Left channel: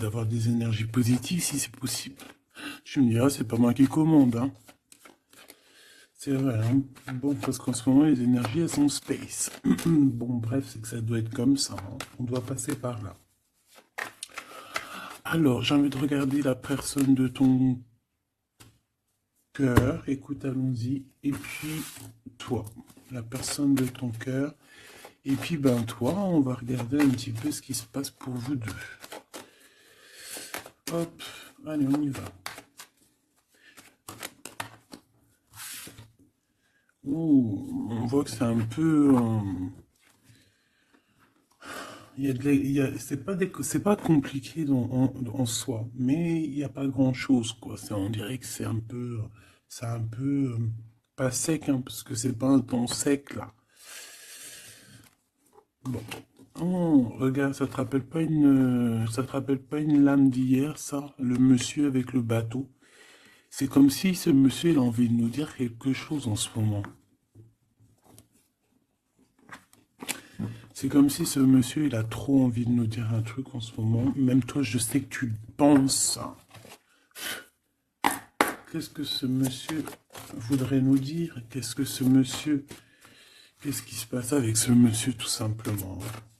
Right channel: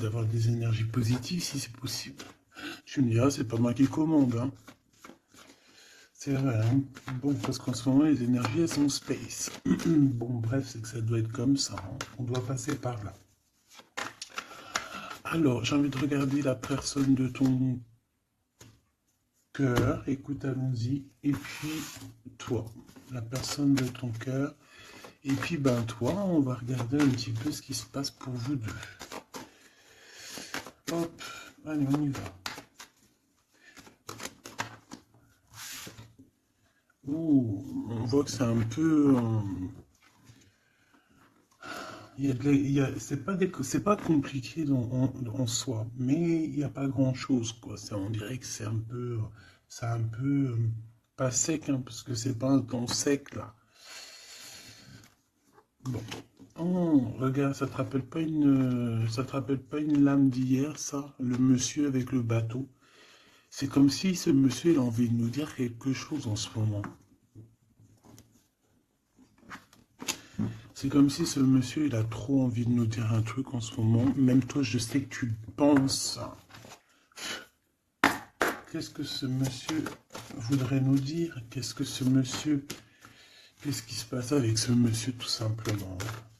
d'avoir des énergies positives si c'est possible. Tu me diras, c'est pas moi qui commande, hein. C'est vrai, hein. Bon, parce qu'en ce moment, les énergies, elles sont space. Bon, bref, c'est que ça doit être comme ça, hein. On doit passer par là. Alors, j'ai envie de regarder la personne de ton cœur. Écoute, allons-y. Et puis, toi, la personne de ton cœur. Et puis, ben, toi, on va regarder un petit peu ce qui se passe pour vous deux. Hop, allez, on y va. Oh, on voit que c'est un peu... c'est pas compliqué en soi, mais il n'y a pas grand-chose, quoi. On dirait que c'est un peu pas sec, hein, parce que c'est pas un temps sec, là. Bon. Oh, regarde, ça te rappelle pas une lame d'hier, ça? Le monsieur avec le bateau. C'est comme si ce monsieur, il a envie de nous dire quelque chose en ce moment. C'est comme si ce monsieur, il a trop envie de nous dire un truc en ce moment. Même toi, je sais que tu le penses. Qu'est-ce que ce monsieur voudrait nous dire? Qu'est-ce que ce monsieur... Qu'est-ce qui se passe avec ce monsieur, tout simplement?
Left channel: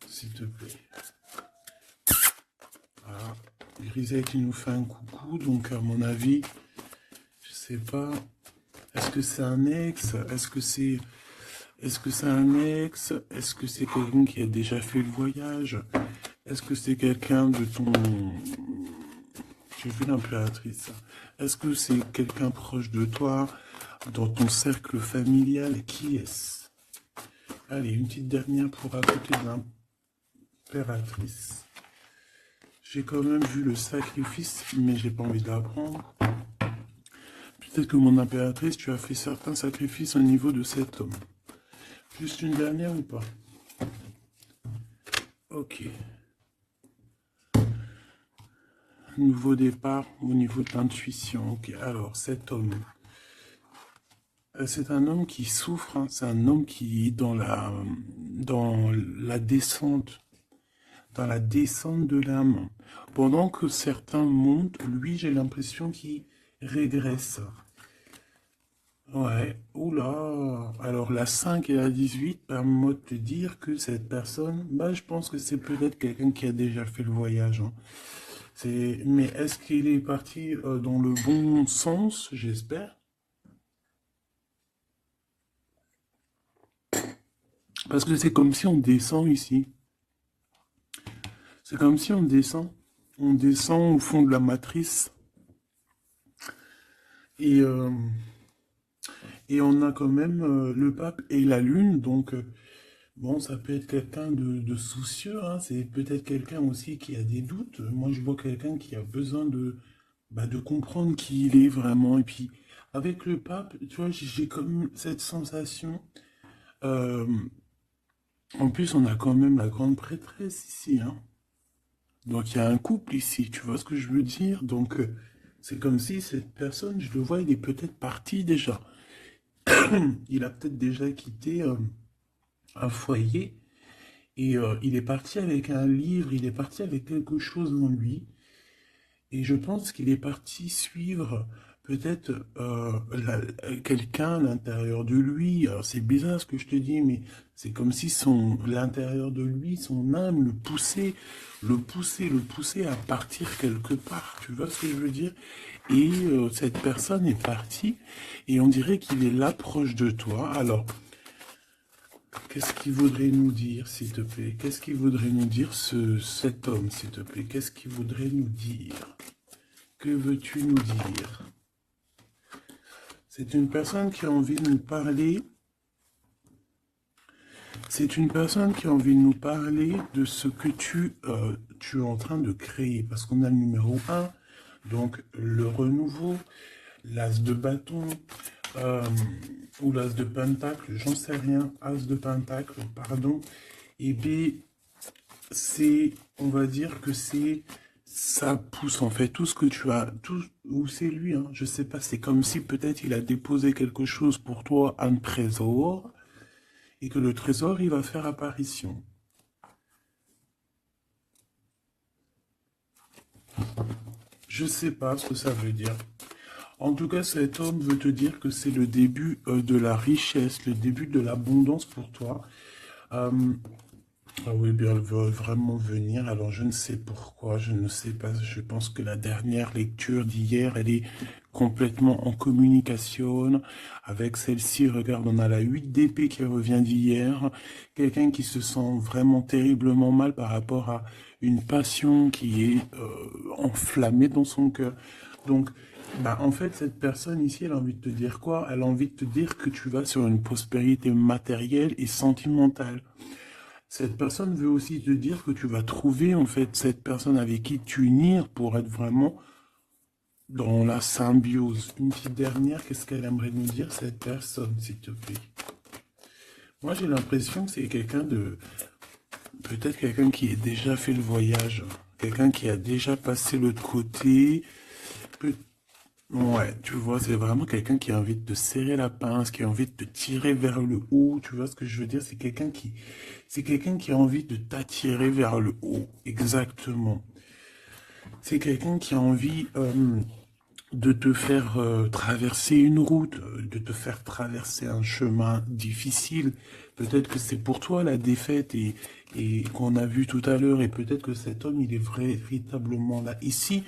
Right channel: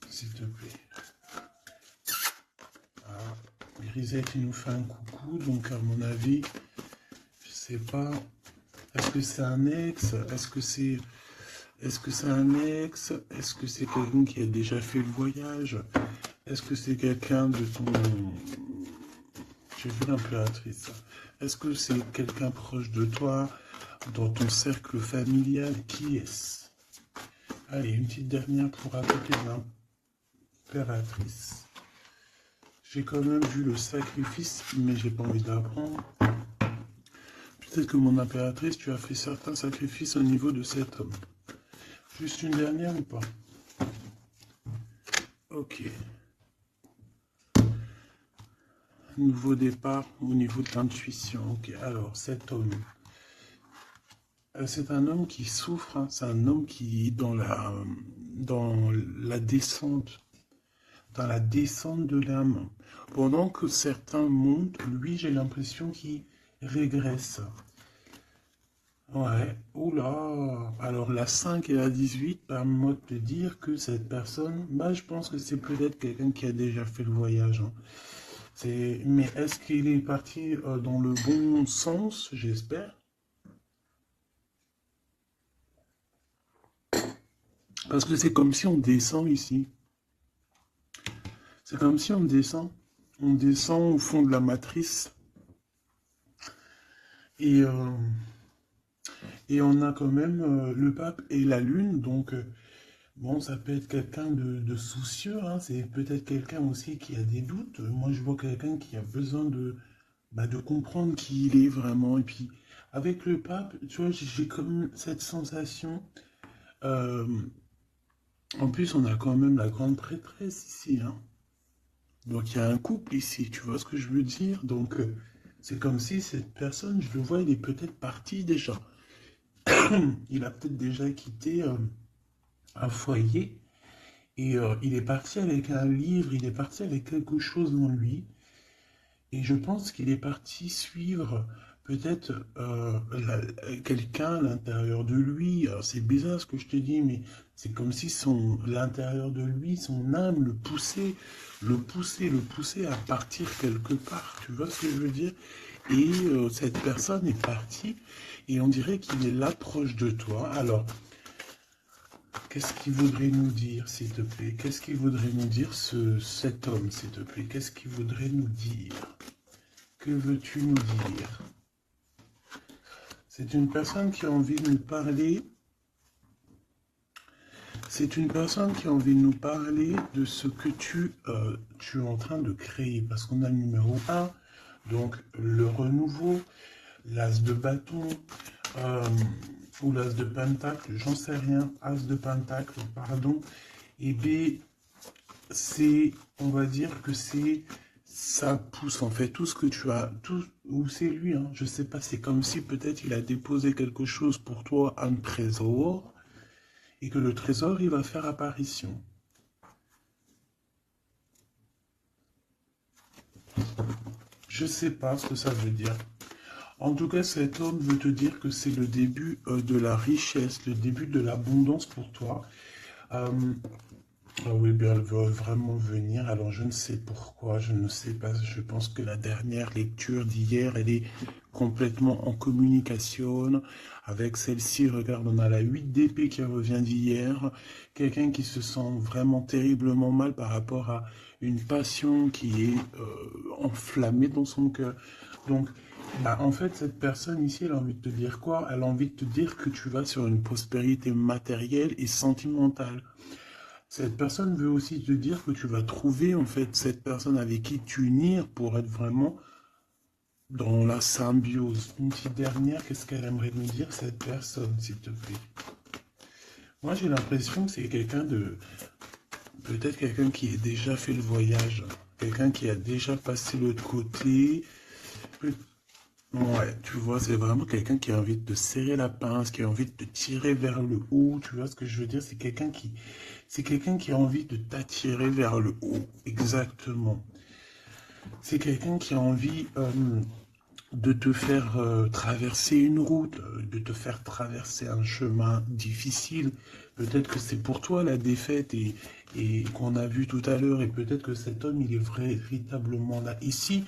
S'il te plaît. Ah, Grisette, il nous fait un coucou, donc à mon avis, je sais pas. Est-ce que c'est un ex? Est-ce que c'est un ex? Est-ce que c'est quelqu'un qui a déjà fait le voyage? Est-ce que c'est quelqu'un de ton... J'ai vu l'impératrice. Est-ce que c'est quelqu'un proche de toi, dans ton cercle familial? Qui est-ce? Allez, une petite dernière pour attaquer l'impératrice. J'ai quand même vu le sacrifice, mais j'ai pas envie de l'apprendre. Peut-être que mon impératrice, tu as fait certains sacrifices au niveau de cet homme. Juste une dernière ou pas? Ok. Nouveau départ au niveau de l'intuition. Ok, alors cet homme. C'est un homme qui souffre, hein. C'est un homme qui est dans la descente, dans la descente de l'âme. Pendant que certains montent, lui, j'ai l'impression qu'il régresse. Ouais, oula. Alors la 5 et la 18 permettent de te dire que cette personne, bah, je pense que c'est peut-être quelqu'un qui a déjà fait le voyage, hein. Mais est-ce qu'il est parti dans le bon sens, j'espère? Parce que c'est comme si on descend ici. C'est comme si on descend. On descend au fond de la matrice. Et, euh, et on a quand même le pape et la lune. Donc, bon, ça peut être quelqu'un de soucieux, hein. C'est peut-être quelqu'un aussi qui a des doutes. Moi, je vois quelqu'un qui a besoin de comprendre qui il est vraiment. Et puis, avec le pape, tu vois, j'ai comme cette sensation. euh, En plus, on a quand même la grande prêtresse ici, hein. Donc il y a un couple ici, tu vois ce que je veux dire? Donc c'est comme si cette personne, je le vois, il est peut-être parti déjà. Il a peut-être déjà quitté un foyer et il est parti avec un livre, il est parti avec quelque chose en lui. Et je pense qu'il est parti suivre peut-être quelqu'un à l'intérieur de lui. Alors c'est bizarre ce que je te dis, mais c'est comme si l'intérieur de lui, son âme le poussait à partir quelque part. Tu vois ce que je veux dire? Et cette personne est partie et on dirait qu'il est là proche de toi. Alors, qu'est-ce qu'il voudrait nous dire, s'il te plaît? Qu'est-ce qu'il voudrait nous dire, cet homme, s'il te plaît? Qu'est-ce qu'il voudrait nous dire? Que veux-tu nous dire? C'est une personne qui a envie de nous parler. C'est une personne qui a envie de nous parler de ce que tu es en train de créer. Parce qu'on a le numéro 1, donc le renouveau, l'as de bâton, euh, ou l'as de pentacle, j'en sais rien, as de pentacle, pardon. Et bien, on va dire que ça pousse en fait tout ce que tu as, tout, ou c'est lui, hein, je sais pas, c'est comme si peut-être il a déposé quelque chose pour toi, un trésor, et que le trésor, il va faire apparition. Je sais pas ce que ça veut dire. En tout cas, cet homme veut te dire que c'est le début de la richesse, le début de l'abondance pour toi. Euh, ah oui, bien, elle veut vraiment venir. Alors, je ne sais pourquoi, je ne sais pas. Je pense que la dernière lecture d'hier, elle est complètement en communication avec celle-ci. Regarde, on a la 8 d'épée qui revient d'hier. Quelqu'un qui se sent vraiment terriblement mal par rapport à une passion qui est enflammée dans son cœur. Donc, bah, en fait, cette personne ici, elle a envie de te dire quoi? Elle a envie de te dire que tu vas sur une prospérité matérielle et sentimentale. Cette personne veut aussi te dire que tu vas trouver en fait cette personne avec qui t'unir pour être vraiment dans la symbiose. Une petite dernière, qu'est-ce qu'elle aimerait nous dire cette personne, s'il te plaît? Moi j'ai l'impression que c'est quelqu'un de... Peut-être quelqu'un qui a déjà fait le voyage, quelqu'un qui a déjà passé l'autre côté. Peut- Ouais, tu vois, c'est vraiment quelqu'un qui a envie de te serrer la pince, qui a envie de te tirer vers le haut. Tu vois ce que je veux dire? C'est quelqu'un qui a envie de t'attirer vers le haut. Exactement. C'est quelqu'un qui a envie de te faire traverser une route, de te faire traverser un chemin difficile. Peut-être que c'est pour toi la défaite et qu'on a vu tout à l'heure, et peut-être que cet homme, il est véritablement là ici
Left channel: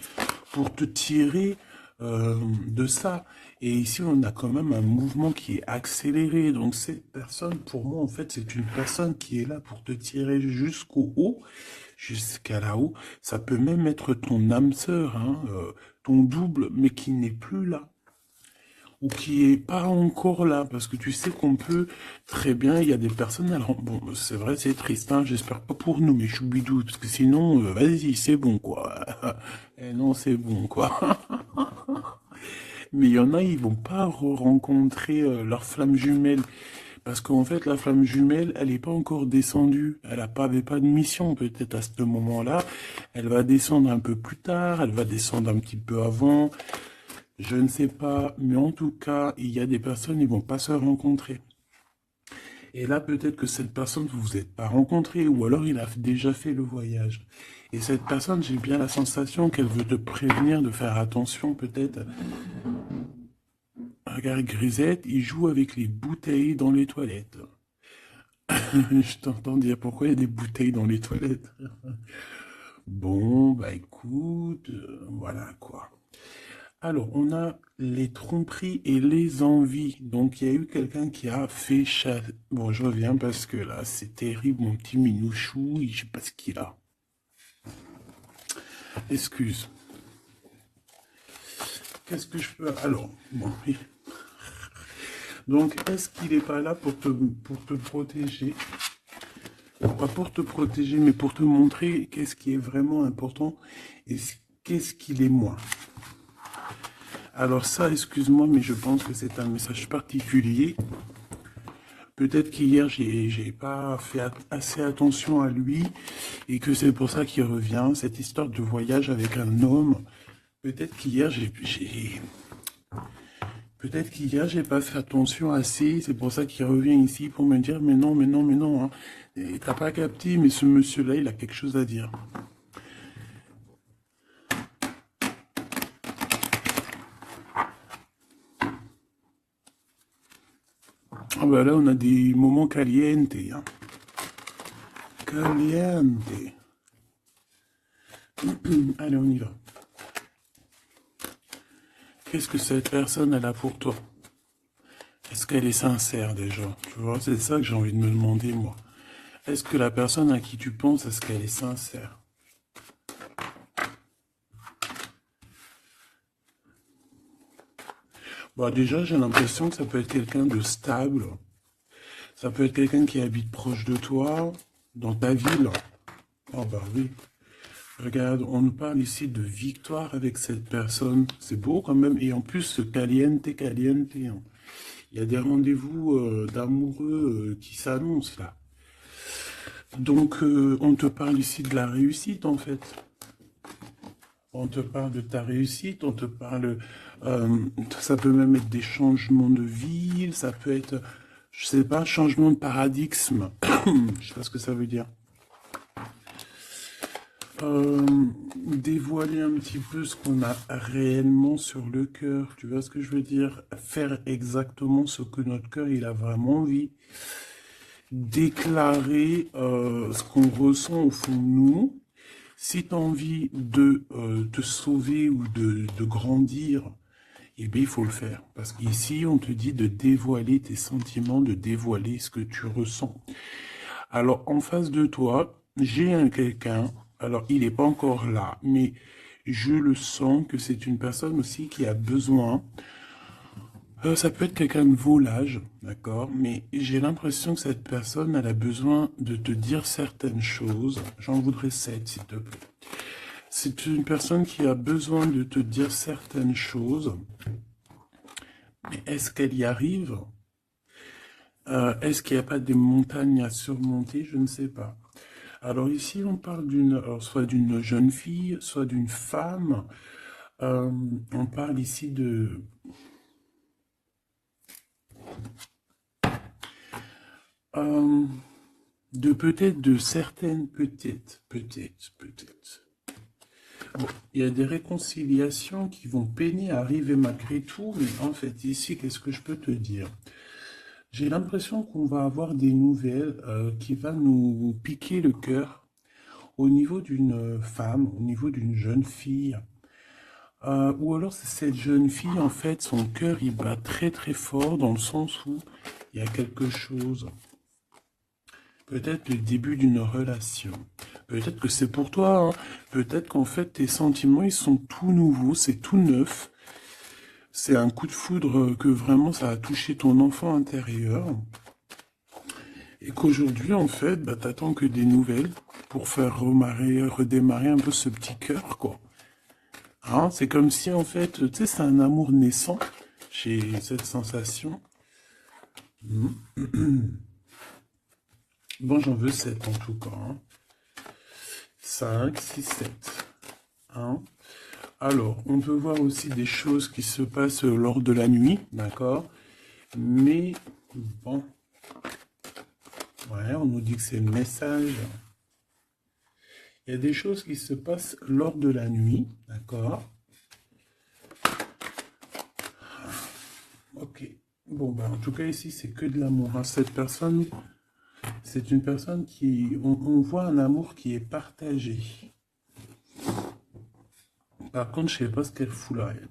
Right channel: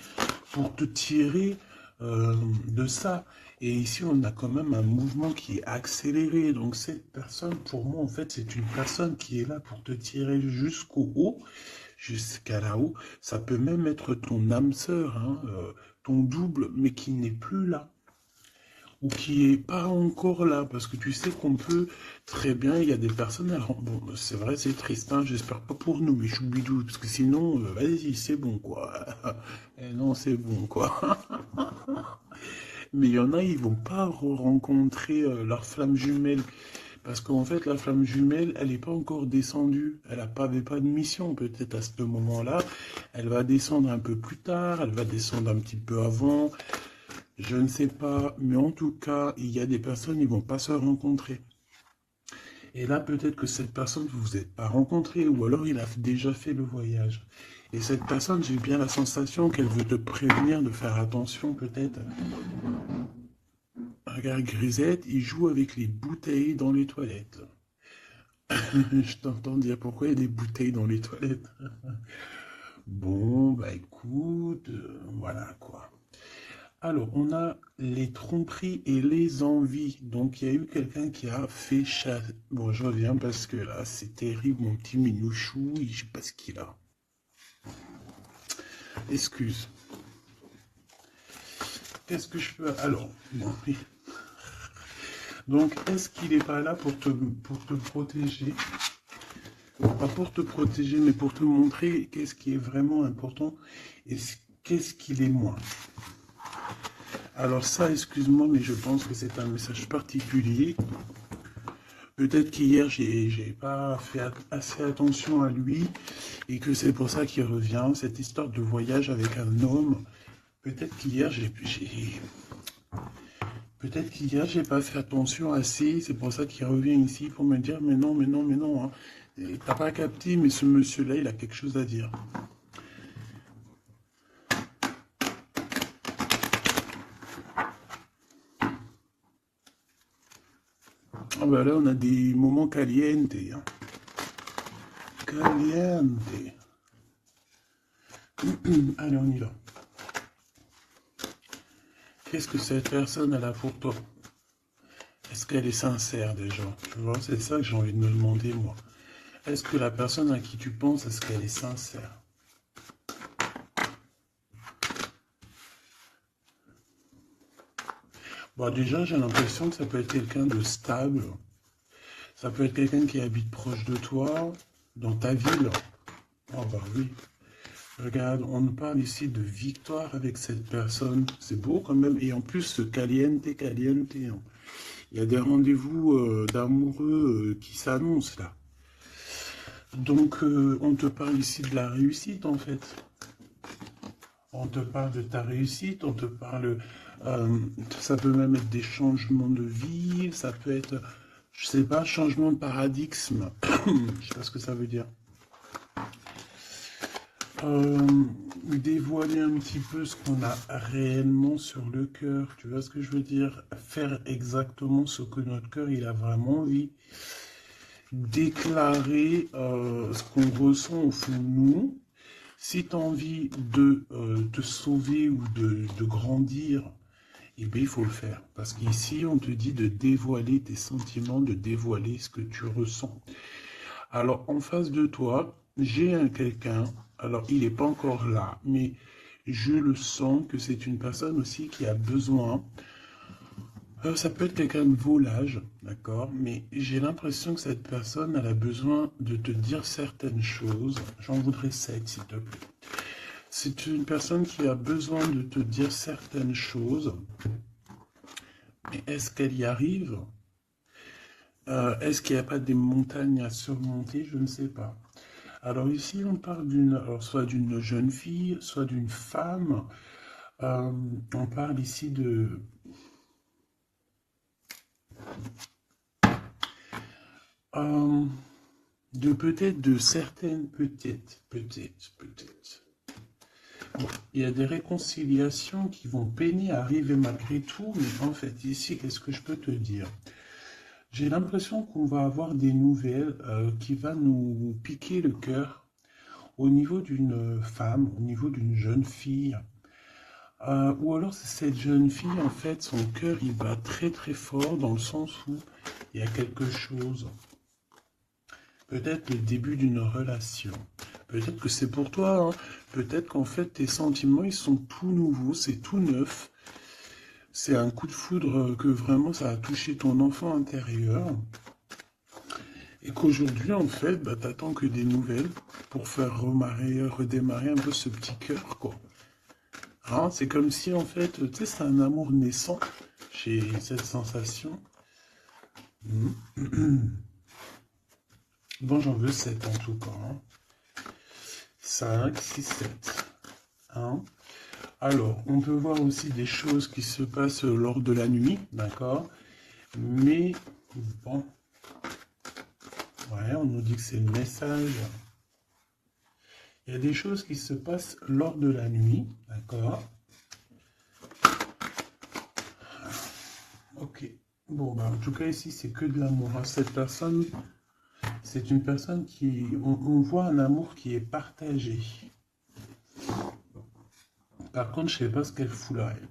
pour te tirer de ça. Et ici, on a quand même un mouvement qui est accéléré. Donc cette personne, pour moi, en fait, c'est une personne qui est là pour te tirer jusqu'au haut, jusqu'à là-haut. Ça peut même être ton âme sœur, hein, ton double, mais qui n'est plus là, ou qui est pas encore là, parce que tu sais qu'on peut très bien, il y a des personnes, alors bon, c'est vrai, c'est triste, hein, j'espère pas pour nous, mais choubidou, parce que sinon, vas-y, c'est bon, quoi. Eh non, c'est bon, quoi. Mais il y en a, ils vont pas rencontrer leur flamme jumelle. Parce qu'en fait, la flamme jumelle, elle n'est pas encore descendue. Elle avait pas de mission peut-être à ce moment-là. Elle va descendre un peu plus tard, elle va descendre un petit peu avant. Je ne sais pas, mais en tout cas, il y a des personnes, ils vont pas se rencontrer. Et là, peut-être que cette personne, vous vous êtes pas rencontré, ou alors il a déjà fait le voyage. Et cette personne, j'ai bien la sensation qu'elle veut te prévenir de faire attention, peut-être. Regarde, Grisette, il joue avec les bouteilles dans les toilettes. Je t'entends dire pourquoi il y a des bouteilles dans les toilettes. Bon, bah écoute, voilà quoi. Alors, on a les tromperies et les envies. Donc, il y a eu quelqu'un qui a fait chasse. Bon, je reviens parce que là, c'est terrible, mon petit minouchou. Je sais pas ce qu'il a. Excuse. Qu'est-ce que je peux... Alors, bon, oui. Donc, est-ce qu'il n'est pas là pour te protéger? Pas pour te protéger, mais pour te montrer qu'est-ce qui est vraiment important et qu'est-ce qu'il est moins. Alors ça, excuse-moi, mais je pense que c'est un message particulier. Peut-être qu'hier, j'ai pas fait assez attention à lui et que c'est pour ça qu'il revient. Cette histoire de voyage avec un homme. Peut-être qu'hier, peut-être qu'hier, j'ai pas fait attention assez. C'est pour ça qu'il revient ici pour me dire, mais non, mais non, mais non. Hein. Et t'as pas capté, mais ce monsieur-là, il a quelque chose à dire. Ah ben là, on a des moments calientes. Hein. Caliente. Allez, on y va. Qu'est-ce que cette personne elle a pour toi? Est-ce qu'elle est sincère déjà? Tu vois, c'est ça que j'ai envie de me demander, moi. Est-ce que la personne à qui tu penses, est-ce qu'elle est sincère? Bon, déjà, j'ai l'impression que ça peut être quelqu'un de stable. Ça peut être quelqu'un qui habite proche de toi, dans ta ville. Oh bah oui. Regarde, on nous parle ici de victoire avec cette personne. C'est beau quand même. Et en plus, ce caliente, caliente. Hein. Il y a des rendez-vous d'amoureux qui s'annoncent là. Donc, on te parle ici de la réussite en fait. On te parle de ta réussite, on te parle... euh, ça peut même être des changements de ville, ça peut être, je sais pas, changement de paradigme. Je sais pas ce que ça veut dire. Euh, dévoiler un petit peu ce qu'on a réellement sur le cœur. Tu vois ce que je veux dire? Faire exactement ce que notre cœur, il a vraiment envie. Déclarer ce qu'on ressent au fond de nous. Si tu as envie de te sauver ou de grandir, eh bien, il faut le faire. Parce qu'ici, on te dit de dévoiler tes sentiments, de dévoiler ce que tu ressens. Alors, en face de toi, j'ai un quelqu'un, alors il n'est pas encore là, mais je le sens que c'est une personne aussi qui a besoin. Ça peut être quelqu'un de volage, d'accord, mais j'ai l'impression que cette personne, elle a besoin de te dire certaines choses. J'en voudrais 7, s'il te plaît. C'est une personne qui a besoin de te dire certaines choses, mais est-ce qu'elle y arrive? Est-ce qu'il n'y a pas des montagnes à surmonter? Je ne sais pas. Alors ici, on parle soit d'une jeune fille, soit d'une femme. On parle ici euh, de peut-être de certaines, peut-être. Bon, il y a des réconciliations qui vont peiner à arriver malgré tout, mais en fait, ici, qu'est-ce que je peux te dire? J'ai l'impression qu'on va avoir des nouvelles qui vont nous piquer le cœur au niveau d'une femme, au niveau d'une jeune fille. Ou alors c'est cette jeune fille, en fait, son cœur, il bat très très fort dans le sens où il y a quelque chose. Peut-être le début d'une relation. Peut-être que c'est pour toi, hein. Peut-être qu'en fait, tes sentiments, ils sont tout nouveaux, c'est tout neuf. C'est un coup de foudre que vraiment ça a touché ton enfant intérieur. Et qu'aujourd'hui, en fait, bah, t'attends que des nouvelles pour faire redémarrer un peu ce petit cœur, quoi. Hein, c'est comme si, en fait, tu sais, c'est un amour naissant. J'ai cette sensation. Bon, j'en veux 7 en tout cas. Hein. 5, 6, 7. Hein. Alors, on peut voir aussi des choses qui se passent lors de la nuit, d'accord? Mais, bon, ouais, on nous dit que c'est le message. Il y a des choses qui se passent lors de la nuit, d'accord? Ok. Bon, bah, en tout cas, ici, c'est que de l'amour. Hein. Cette personne, c'est une personne qui... On voit un amour qui est partagé. Par contre, je ne sais pas ce qu'elle fout là, elle.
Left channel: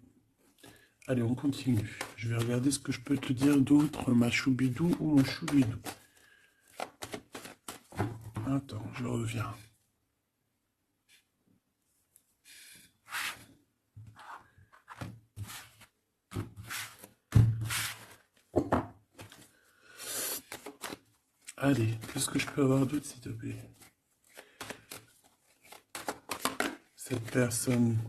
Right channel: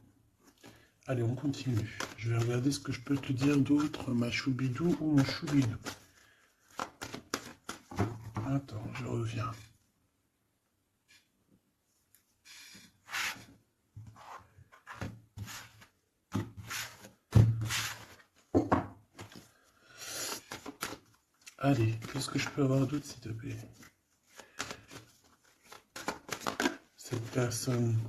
Allez, on continue. Je vais regarder ce que je peux te dire d'autre, ma choubidou ou mon choubidou. Attends, je reviens. Allez, qu'est-ce que je peux avoir d'autre, s'il te plaît? Cette personne.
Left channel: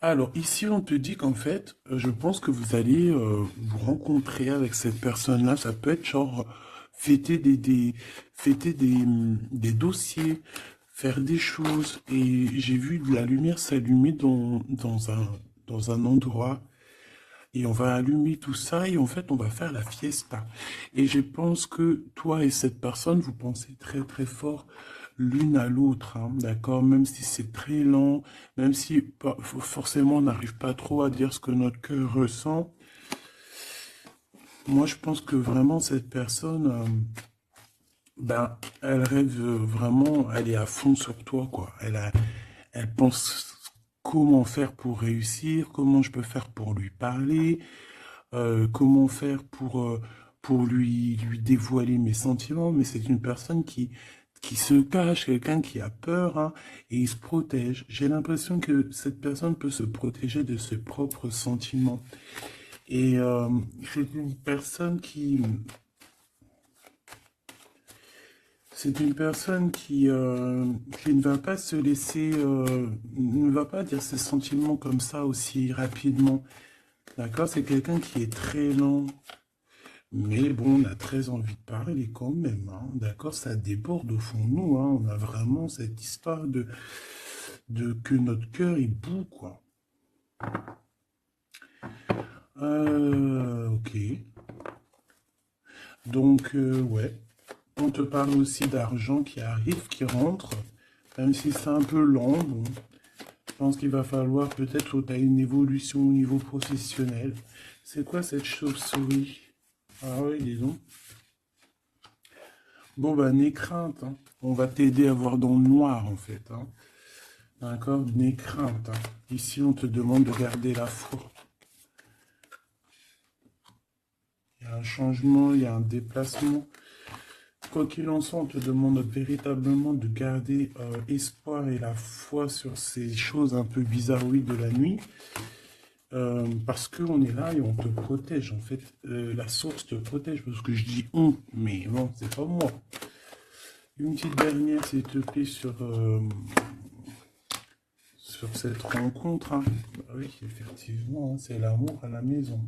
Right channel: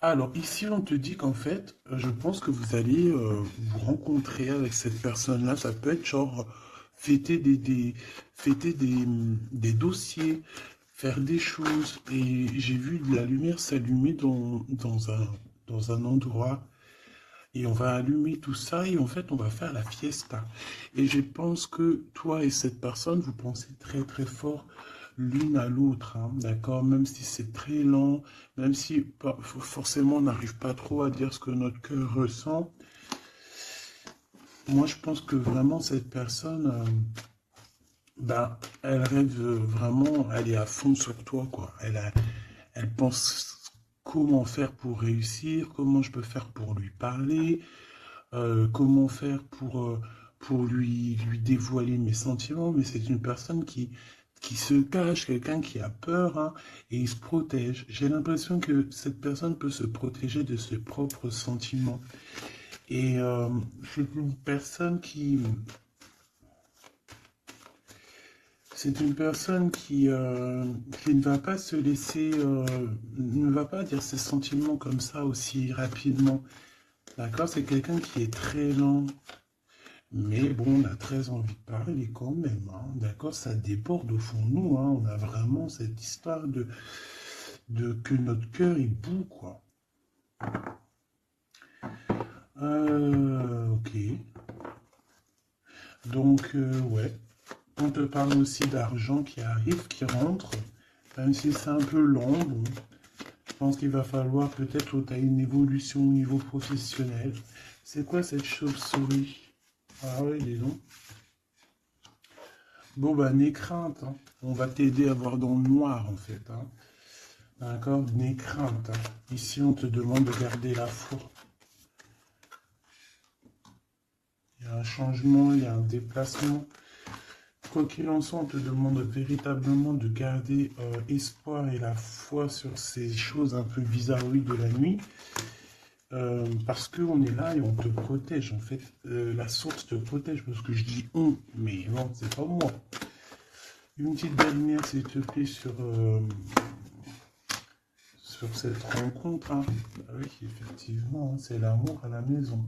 Alors, ici, on te dit qu'en fait, je pense que vous allez vous rencontrer avec cette personne-là. Ça peut être genre fêter des dossiers, faire des choses. Et j'ai vu de la lumière s'allumer dans un endroit. Et on va allumer tout ça et en fait, on va faire la fiesta. Et je pense que toi et cette personne, vous pensez très très fort l'une à l'autre, hein, d'accord? Même si c'est très lent, même si forcément on n'arrive pas trop à dire ce que notre cœur ressent. Moi, je pense que vraiment cette personne, ben, elle rêve vraiment, elle est à fond sur toi, quoi. Elle pense comment faire pour réussir, comment je peux faire pour lui parler, comment faire pour lui dévoiler mes sentiments, mais c'est une personne qui se cache, quelqu'un qui a peur, hein, et il se protège. J'ai l'impression que cette personne peut se protéger de ses propres sentiments. Et c'est une personne qui ne va pas se laisser, ne va pas dire ses sentiments comme ça aussi rapidement. D'accord? C'est quelqu'un qui est très lent. Mais bon, on a très envie de parler quand même. Hein. D'accord? Ça déborde au fond de nous. Hein. On a vraiment cette histoire de que notre cœur il bout, quoi. Ok. Donc, ouais. On te parle aussi d'argent qui arrive, qui rentre. Même si c'est un peu lent, bon, je pense qu'il va falloir peut-être que tu as une évolution au niveau professionnel. C'est quoi cette chauve-souris? Ah ouais, dis donc. Bon, bah, n'aie crainte, hein. On va t'aider à voir dans le noir, en fait, hein. D'accord? N'aie crainte, hein. Ici, on te demande de garder la foi. Il y a un changement, il y a un déplacement. Quoi qu'il en soit, on te demande véritablement de garder espoir et la foi sur ces choses un peu bizarroïdes de la nuit. Parce qu'on est là et on te protège. En fait, la source te protège. Parce que je dis on, mais bon, c'est pas moi. Une petite dernière, s'il te plaît, sur cette rencontre, hein. Ah oui, effectivement, hein, c'est l'amour à la maison.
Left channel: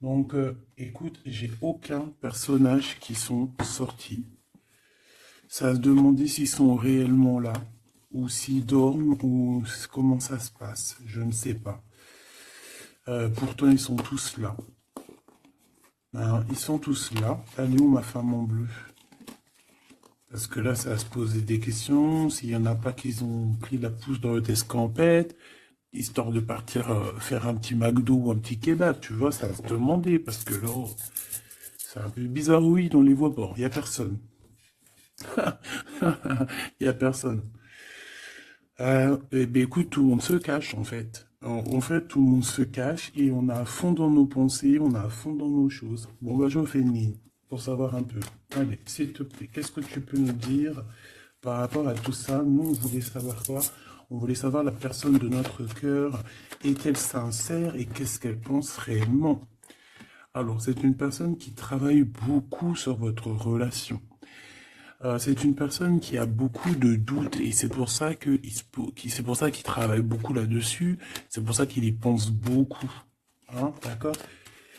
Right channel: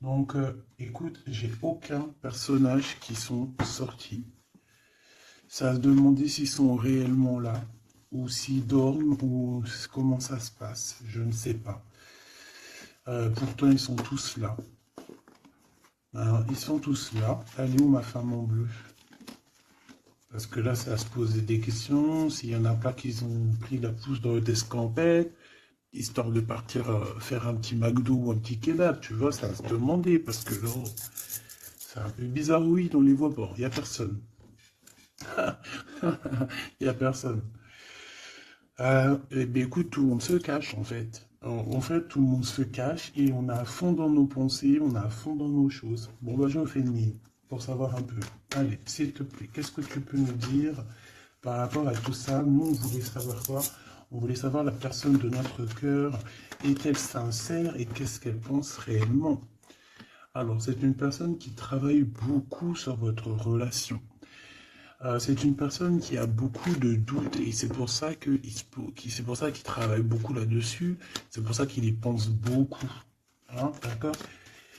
Donc, écoute, j'ai aucun personnage qui sont sortis. Ça se demander s'ils sont réellement là, ou s'ils dorment, ou comment ça se passe. Je ne sais pas. Pourtant, ils sont tous là. Alors, ils sont tous là. Elle est où ma femme en bleu? Parce que là, ça va se poser des questions. S'il n'y en a pas qui ont pris la pousse dans votre escampette, histoire de partir faire un petit McDo ou un petit kebab, tu vois, ça va se demander. Parce que là, oh, c'est un peu bizarre, oui, on les voit pas. Il n'y a personne. Il n'y a personne. Eh bien, écoute, tout le monde se cache, en fait. En fait, tout le monde se cache et on est à fond dans nos pensées, on est à fond dans nos choses. Bon, bah, je fais une mine pour savoir un peu. Allez, s'il te plaît, qu'est-ce que tu peux nous dire par rapport à tout ça? Nous, on voulait savoir quoi? On voulait savoir la personne de notre cœur. Est-elle sincère et qu'est-ce qu'elle pense réellement? Alors, c'est une personne qui travaille beaucoup sur votre relation. C'est une personne qui a beaucoup de doutes et c'est pour ça c'est pour ça qu'il travaille beaucoup là-dessus. C'est pour ça qu'il y pense beaucoup. Hein, d'accord?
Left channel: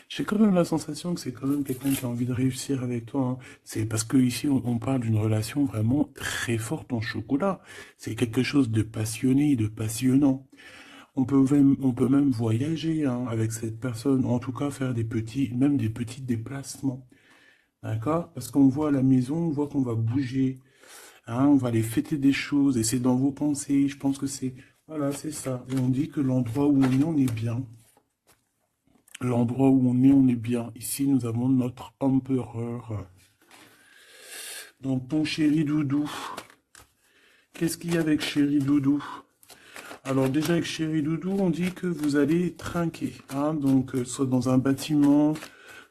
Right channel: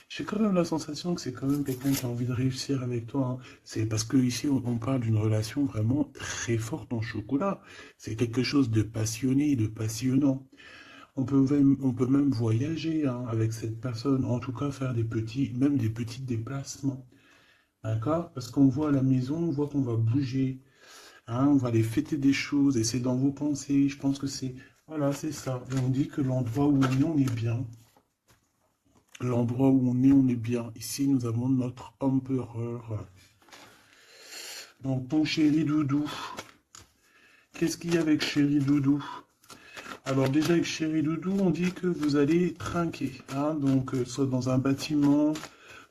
J'ai quand même la sensation que c'est quand même quelqu'un qui a envie de réussir avec toi, hein. C'est parce que ici on parle d'une relation vraiment très forte en chocolat. C'est quelque chose de passionné, de passionnant. On peut même voyager, hein, avec cette personne, en tout cas faire même des petits déplacements. D'accord? Parce qu'on voit à la maison, on voit qu'on va bouger, hein, on va aller fêter des choses, et c'est dans vos pensées. Je pense que c'est, voilà, c'est ça. Et on dit que l'endroit où on est bien. L'endroit où on est bien. Ici, nous avons notre empereur. Donc, mon chéri Doudou, qu'est-ce qu'il y a avec chéri Doudou? Alors, déjà, avec chéri Doudou, on dit que vous allez trinquer, hein, donc, soit dans un bâtiment,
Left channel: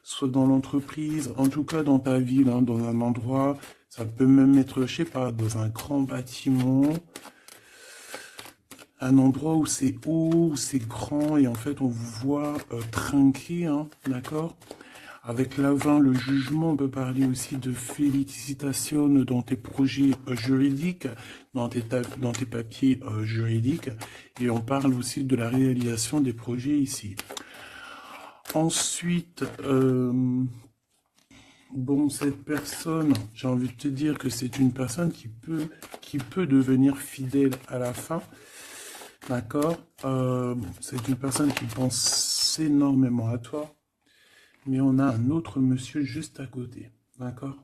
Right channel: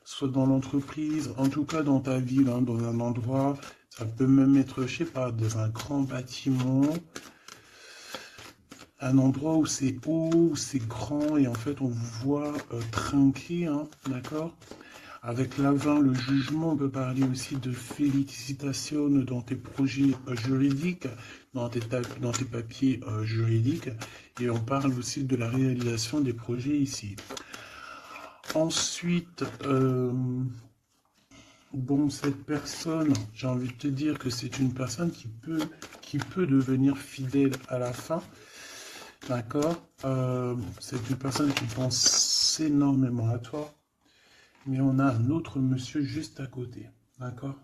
soit dans l'entreprise, en tout cas dans ta ville, hein, dans un endroit, ça peut même être, je sais pas, dans un grand bâtiment, un endroit où c'est haut, c'est grand, et en fait on vous voit trinquer, hein, d'accord? Avec l'avant, le jugement, on peut parler aussi de félicitations dans tes projets juridiques, dans tes papiers juridiques, et on parle aussi de la réalisation des projets ici. Ensuite, bon, cette personne, j'ai envie de te dire que c'est une personne qui peut devenir fidèle à la fin. D'accord? C'est une personne qui pense énormément à toi. Mais on a un autre monsieur juste à côté. D'accord?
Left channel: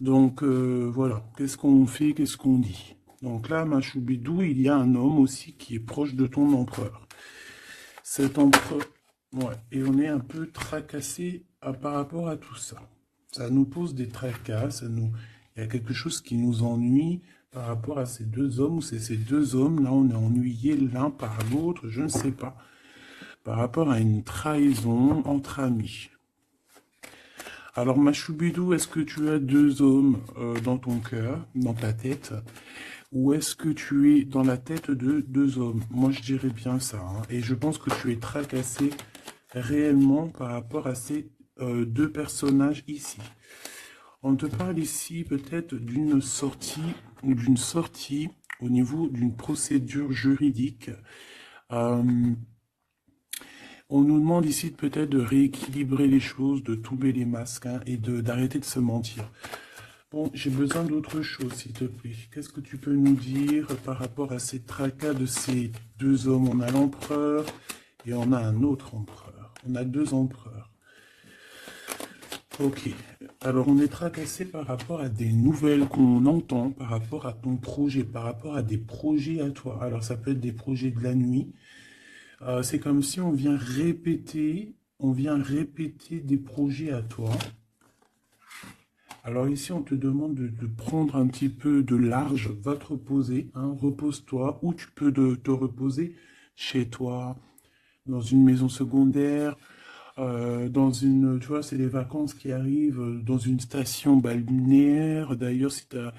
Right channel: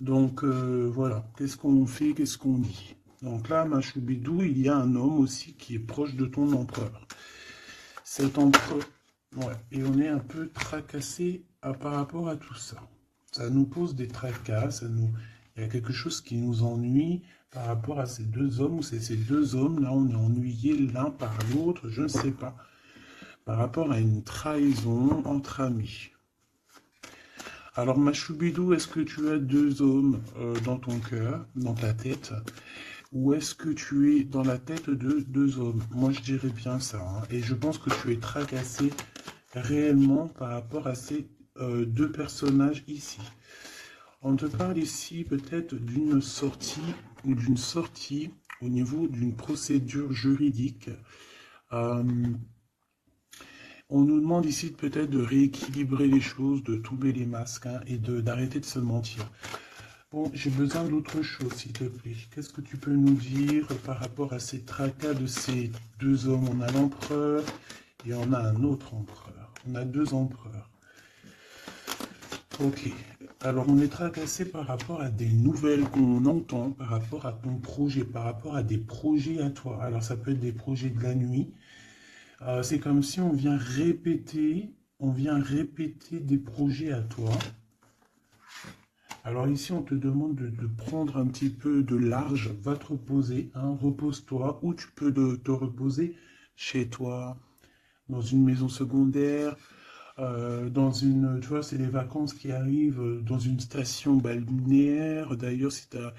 Donc, voilà. Qu'est-ce qu'on fait? Qu'est-ce qu'on dit? Donc là, ma choubidou, il y a un homme aussi qui est proche de ton empereur. Cet empereur, ouais, et on est un peu tracassé par rapport à tout ça. Ça nous pose des tracas, il y a quelque chose qui nous ennuie par rapport à ces deux hommes, ou c'est ces deux hommes, là, on est ennuyés l'un par l'autre, je ne sais pas, par rapport à une trahison entre amis. Alors, ma choubidou, est-ce que tu as deux hommes dans ton cœur, dans ta tête, ou est-ce que tu es dans la tête de deux hommes? Moi, je dirais bien ça, hein. Et je pense que tu es tracassé réellement par rapport à ces deux personnages ici. On te parle ici peut-être d'une sortie ou d'une sortie au niveau d'une procédure juridique. On nous demande ici peut-être de rééquilibrer les choses, de tomber les masques, hein, et d'arrêter de se mentir. Bon, j'ai besoin d'autre chose, s'il te plaît. Qu'est-ce que tu peux nous dire par rapport à ces tracas de ces deux hommes? On a l'empereur et on a un autre empereur. On a deux empereurs. Ok. Alors, on est tracassé par rapport à des nouvelles qu'on entend, par rapport à ton projet, par rapport à des projets à toi. Alors, ça peut être des projets de la nuit. C'est comme si on vient répéter des projets à toi. Alors ici, on te demande de prendre un petit peu de large, va te reposer, hein, repose-toi, ou tu peux te reposer chez toi, dans une maison secondaire, dans une, tu vois, c'est les vacances qui arrivent, dans une station balnéaire. D'ailleurs, tu peux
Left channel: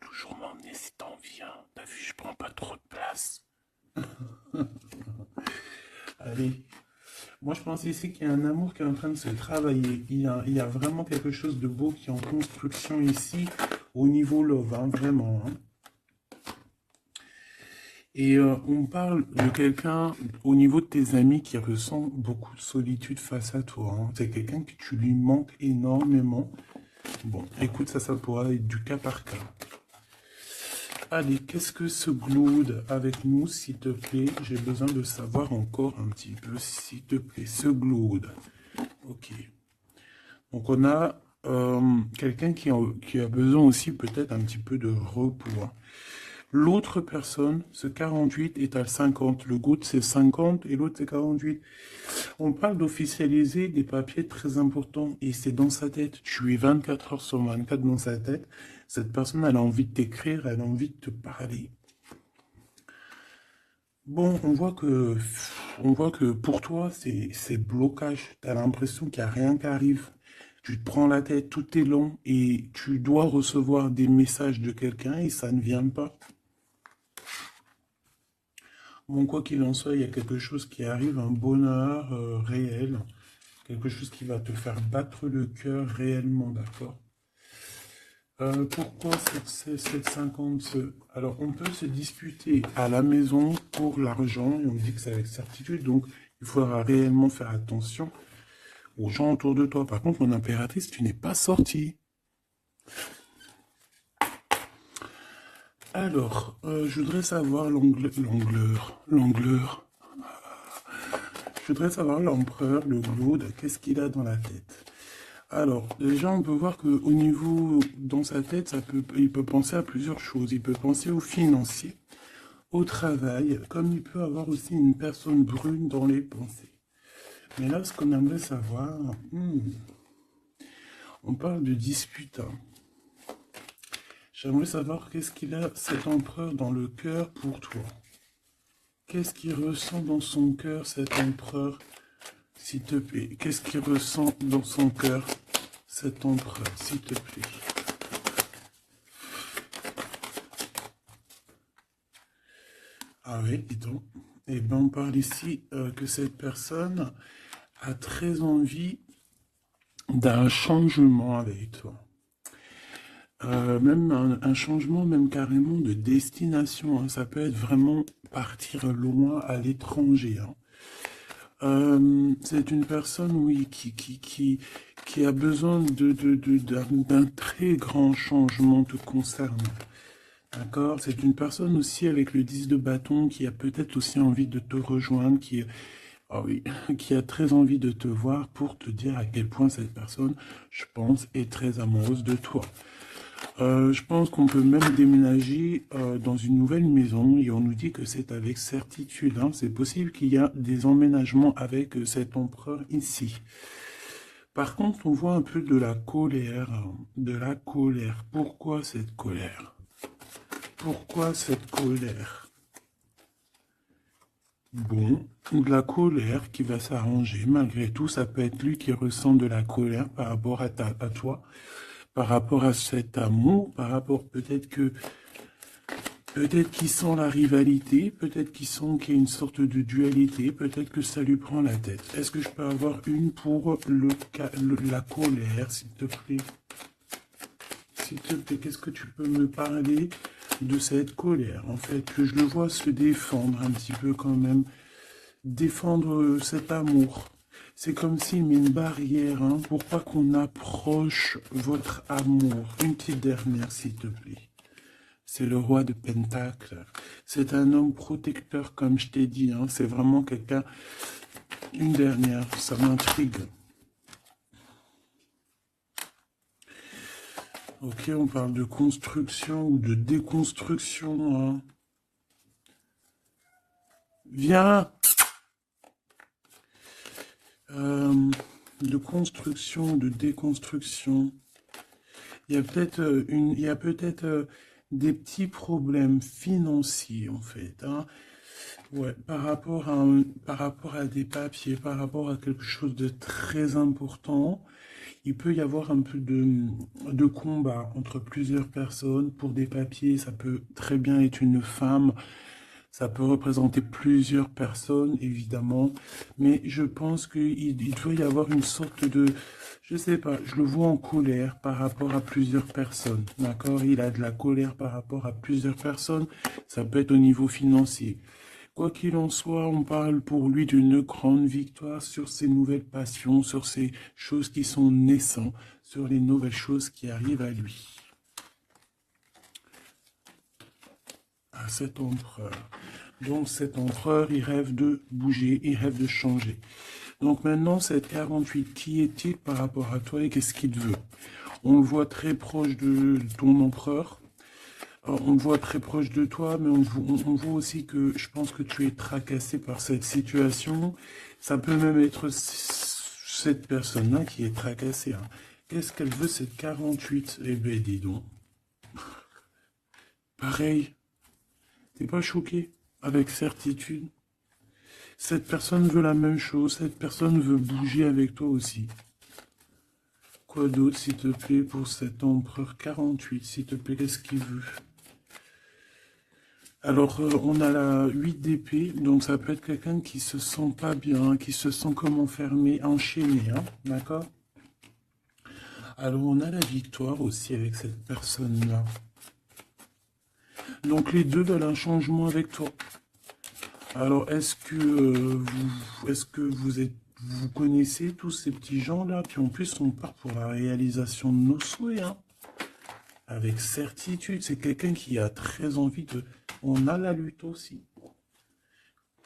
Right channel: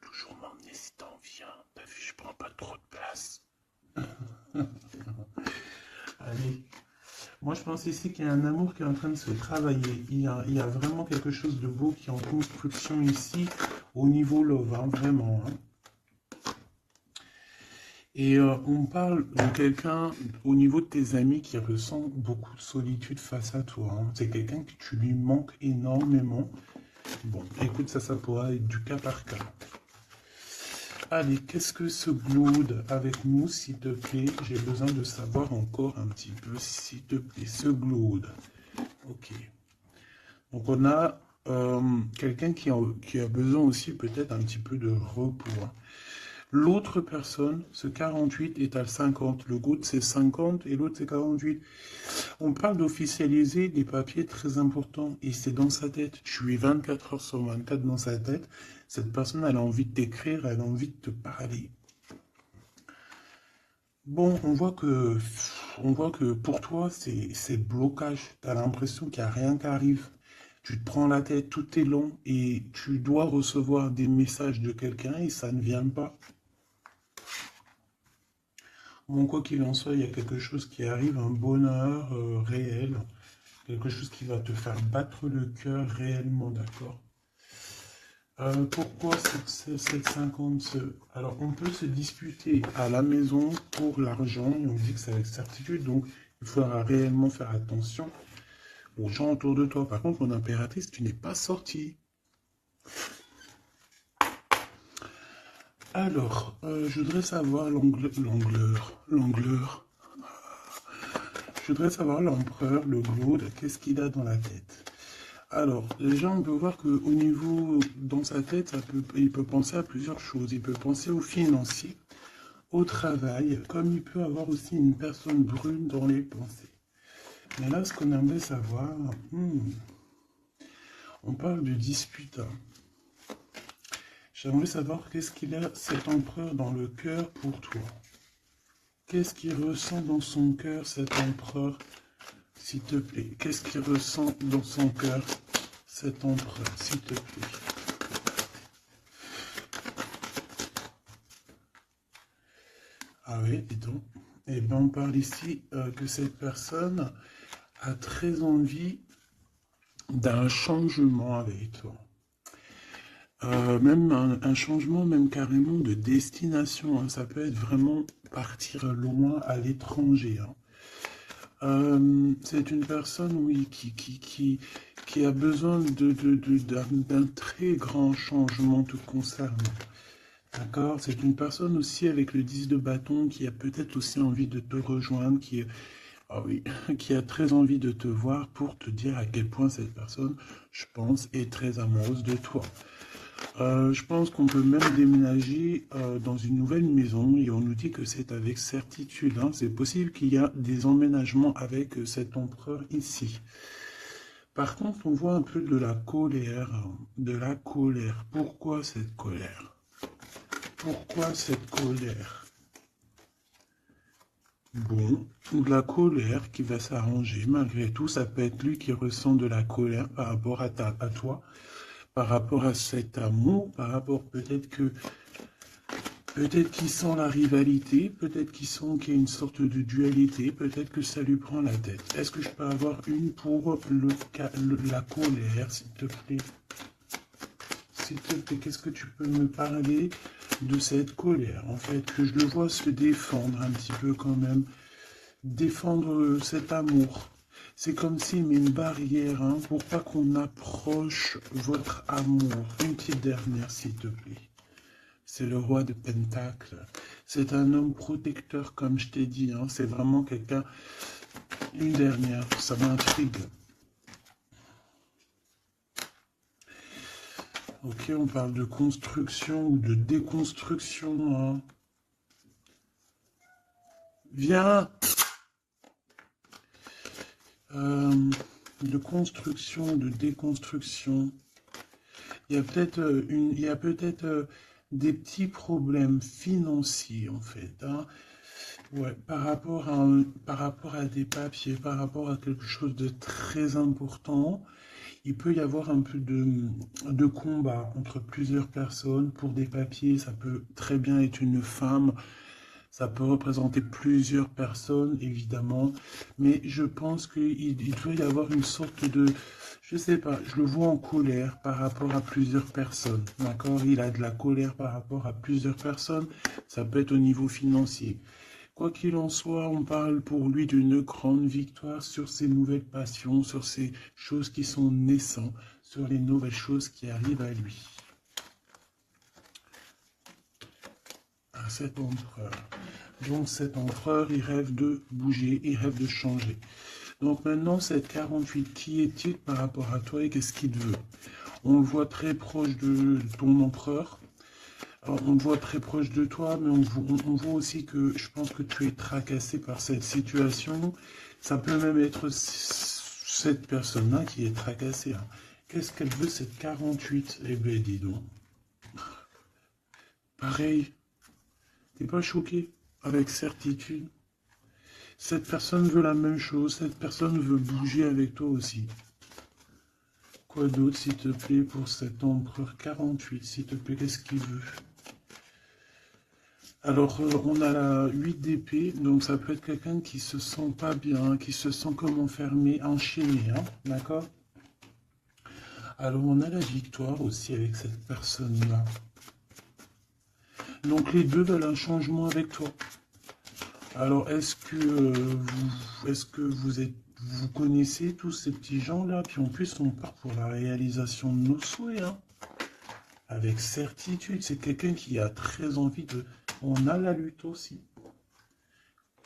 toujours m'emmener si t'en viens. T'as vu, je prends pas trop de place. Allez. Moi, je pense ici qu'il y a un amour qui est en train de se travailler. Il y a vraiment quelque chose de beau qui est en construction ici, au niveau love, hein, vraiment. Hein. Et on parle de quelqu'un au niveau de tes amis qui ressent beaucoup de solitude face à toi. Hein. C'est quelqu'un que tu lui manques énormément. Bon, écoute, ça pourra être du cas par cas. Allez, qu'est-ce que ce Glaude avec nous, s'il te plaît? J'ai besoin de savoir encore un petit peu, s'il te plaît. Ce Glaude. Ok. Donc, on a quelqu'un qui a besoin aussi peut-être un petit peu de repos. Hein. L'autre personne, ce 48 est à 50. Le Glaude, c'est 50 et l'autre, c'est 48. On parle d'officialiser des papiers très importants et c'est dans sa tête. Tu es 24 heures sur 24 dans sa tête. Cette personne, elle a envie de t'écrire, elle a envie de te parler. Bon, on voit que pour toi, c'est blocage. Tu as l'impression qu'il n'y a rien qui arrive. Tu te prends la tête, tout est long et tu dois recevoir des messages de quelqu'un et ça ne vient pas. Bon, quoi qu'il en soit, il y a quelque chose qui arrive, un bonheur réel, quelque chose qui va te faire battre le cœur réellement, d'accord? Pourquoi c'est 50? Alors, on peut se disputer à la maison pour l'argent, et on dit que c'est avec certitude, donc il faudra réellement faire attention aux gens autour de toi. Par contre, mon impératrice, tu n'es pas sortie. Alors, je voudrais savoir je voudrais savoir l'empereur, le Glaude, qu'est-ce qu'il a dans la tête? Alors, déjà, on peut voir qu'au niveau, dans sa tête, il peut penser à plusieurs choses. Il peut penser au financier, au travail, comme il peut avoir aussi une personne brune dans les pensées. Mais là, ce qu'on aimerait savoir, on parle de dispute. Hein. J'aimerais savoir qu'est-ce qu'il a, cet empereur, dans le cœur pour toi. Qu'est-ce qu'il ressent dans son cœur, cet empereur, s'il te plaît? Qu'est-ce qu'il ressent dans son cœur, cet empereur, s'il te plaît? Ah oui, dis donc. Et bien, on parle ici que cette personne a très envie d'un changement avec toi. Même un changement, même carrément de destination. Hein. Ça peut être vraiment partir loin à l'étranger. Hein. C'est une personne, oui, qui a besoin d'un très grand changement te concernant. D'accord? C'est une personne aussi avec le 10 de bâton qui a peut-être aussi envie de te rejoindre, oh oui, qui a très envie de te voir pour te dire à quel point cette personne, je pense, est très amoureuse de toi. Je pense qu'on peut même déménager dans une nouvelle maison et on nous dit que c'est avec certitude. Hein. C'est possible qu'il y a des emménagements avec cet empereur ici. Par contre, on voit un peu de la colère. De la colère. Pourquoi cette colère? Pourquoi cette colère? Bon, de la colère qui va s'arranger. Malgré tout, ça peut être lui qui ressent de la colère par rapport à toi. Par rapport à cet amour, par rapport peut-être qu'il sent la rivalité, peut-être qu'il y a une sorte de dualité, peut-être que ça lui prend la tête. Est-ce que je peux avoir une pour la colère, s'il te plaît? S'il te plaît, qu'est-ce que tu peux me parler de cette colère? En fait, que je le vois se défendre un petit peu quand même, défendre cet amour. C'est comme s'il met une barrière hein, pour pas qu'on approche votre amour. Une petite dernière, s'il te plaît. C'est le roi de Pentacle. C'est un homme protecteur, comme je t'ai dit. Hein. C'est vraiment quelqu'un... Une dernière, ça m'intrigue. Ok, on parle de construction ou de déconstruction, hein. Viens. De construction, de déconstruction. Il y a peut-être des petits problèmes financiers en fait, hein. Ouais, par rapport à des papiers, par rapport à quelque chose de très important, il peut y avoir un peu de combat entre plusieurs personnes pour des papiers. Ça peut très bien être une femme, ça peut représenter plusieurs personnes, évidemment, mais je pense qu'il doit y avoir une sorte de, je sais pas, je le vois en colère par rapport à plusieurs personnes, d'accord? Il a de la colère par rapport à plusieurs personnes, ça peut être au niveau financier. Quoi qu'il en soit, on parle pour lui d'une grande victoire sur ses nouvelles passions, sur ces choses qui sont naissantes, sur les nouvelles choses qui arrivent à lui. À cet empereur. Donc cet empereur, il rêve de bouger, il rêve de changer. Donc maintenant, cette 48, qui est-il par rapport à toi et qu'est-ce qu'il veut? On le voit très proche de ton empereur. Alors, on le voit très proche de toi, mais on voit aussi que je pense que tu es tracassé par cette situation. Ça peut même être cette personne-là qui est tracassée, hein. Qu'est-ce qu'elle veut, cette 48? Eh bien, dis donc. Pareil, t'es pas choqué? Avec certitude. Cette personne veut la même chose, cette personne veut bouger avec toi aussi. Quoi d'autre, s'il te plaît, pour cet empereur 48, s'il te plaît, qu'est-ce qu'il veut? Alors, on a la 8 d'épée, donc ça peut être quelqu'un qui se sent pas bien, qui se sent comme enfermé, enchaîné, hein, d'accord? Alors, on a la victoire aussi avec cette personne-là. Donc, les deux veulent un changement avec toi. Alors, est-ce que vous connaissez tous ces petits gens-là? Puis en plus, on part pour la réalisation de nos souhaits, hein. Avec certitude, c'est quelqu'un qui a très envie de... On a la lutte aussi.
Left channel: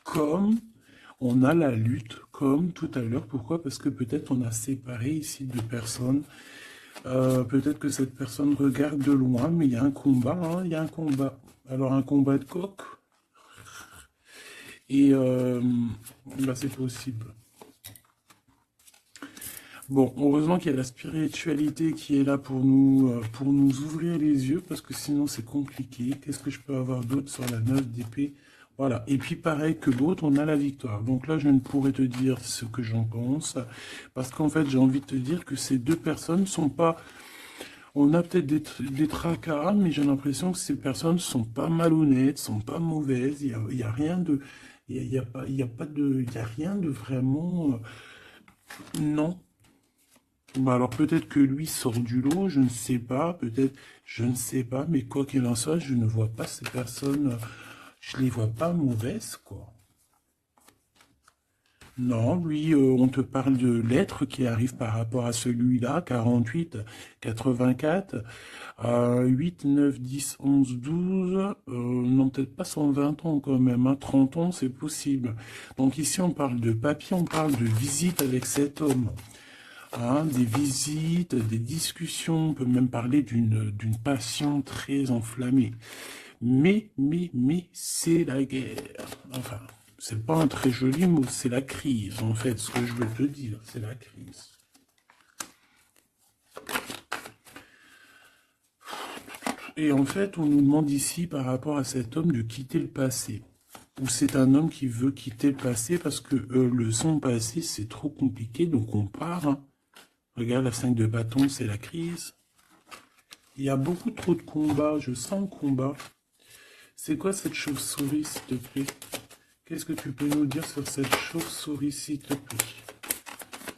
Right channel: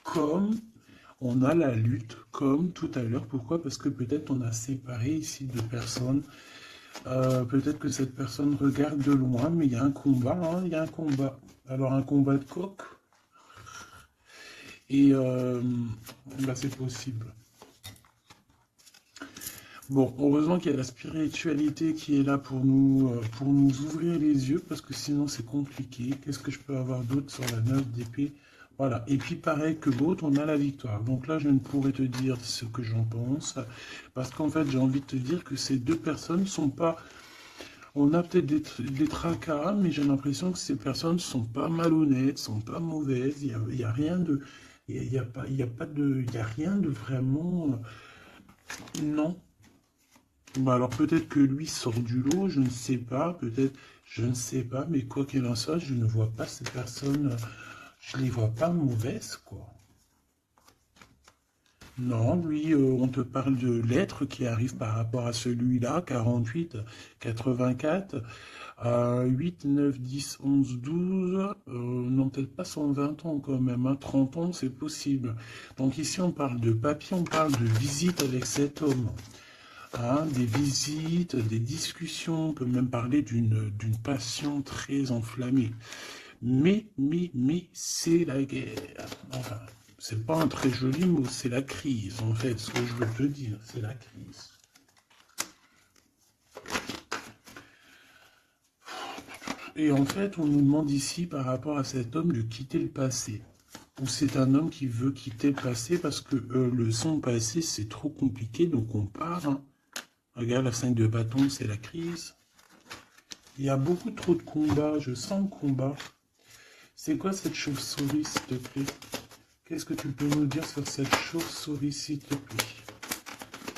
Comme on a la lutte, comme tout à l'heure. Pourquoi? Parce que peut-être on a séparé ici deux personnes. Peut-être que cette personne regarde de loin, mais il y a un combat, hein, il y a un combat. Alors un combat de coq. Et bah, c'est possible. Bon, heureusement qu'il y a la spiritualité qui est là pour nous ouvrir les yeux, parce que sinon c'est compliqué. Qu'est-ce que je peux avoir d'autre sur la 9 d'épée? Voilà, et puis pareil que l'autre, on a la victoire. Donc là, je ne pourrais te dire ce que j'en pense, parce qu'en fait, j'ai envie de te dire que ces deux personnes sont pas... On a peut-être des tracas, mais j'ai l'impression que ces personnes sont pas malhonnêtes, sont pas mauvaises. Il y a rien de... Il y a pas, il y a pas de... Il y a rien de vraiment... Non. Bah alors peut-être que lui sort du lot, je ne sais pas, peut-être, je ne sais pas, mais quoi qu'il en soit, je ne vois pas ces personnes, je les vois pas mauvaises, quoi. Non, lui, on te parle de lettres qui arrivent par rapport à celui-là, 48, 84, 8, 9, 10, 11, 12, non, peut-être pas son 20 ans quand même, hein, 30 ans, c'est possible. Donc ici, on parle de papier, on parle de visite avec cet homme. Hein, des visites, des discussions, on peut même parler d'une passion très enflammée. Mais, c'est la guerre. Enfin, c'est pas un très joli mot, c'est la crise, en fait, ce que je veux te dire, c'est la crise. Et en fait, on nous demande ici, par rapport à cet homme, de quitter le passé. Ou c'est un homme qui veut quitter le passé parce que son passé, c'est trop compliqué, donc on part, hein. Regarde, la 5 de bâton, c'est la crise. Il y a beaucoup trop de combats, je sens le combat. C'est quoi cette chauve-souris, s'il te plaît? Qu'est-ce que tu peux nous dire sur cette chauve-souris, s'il te plaît?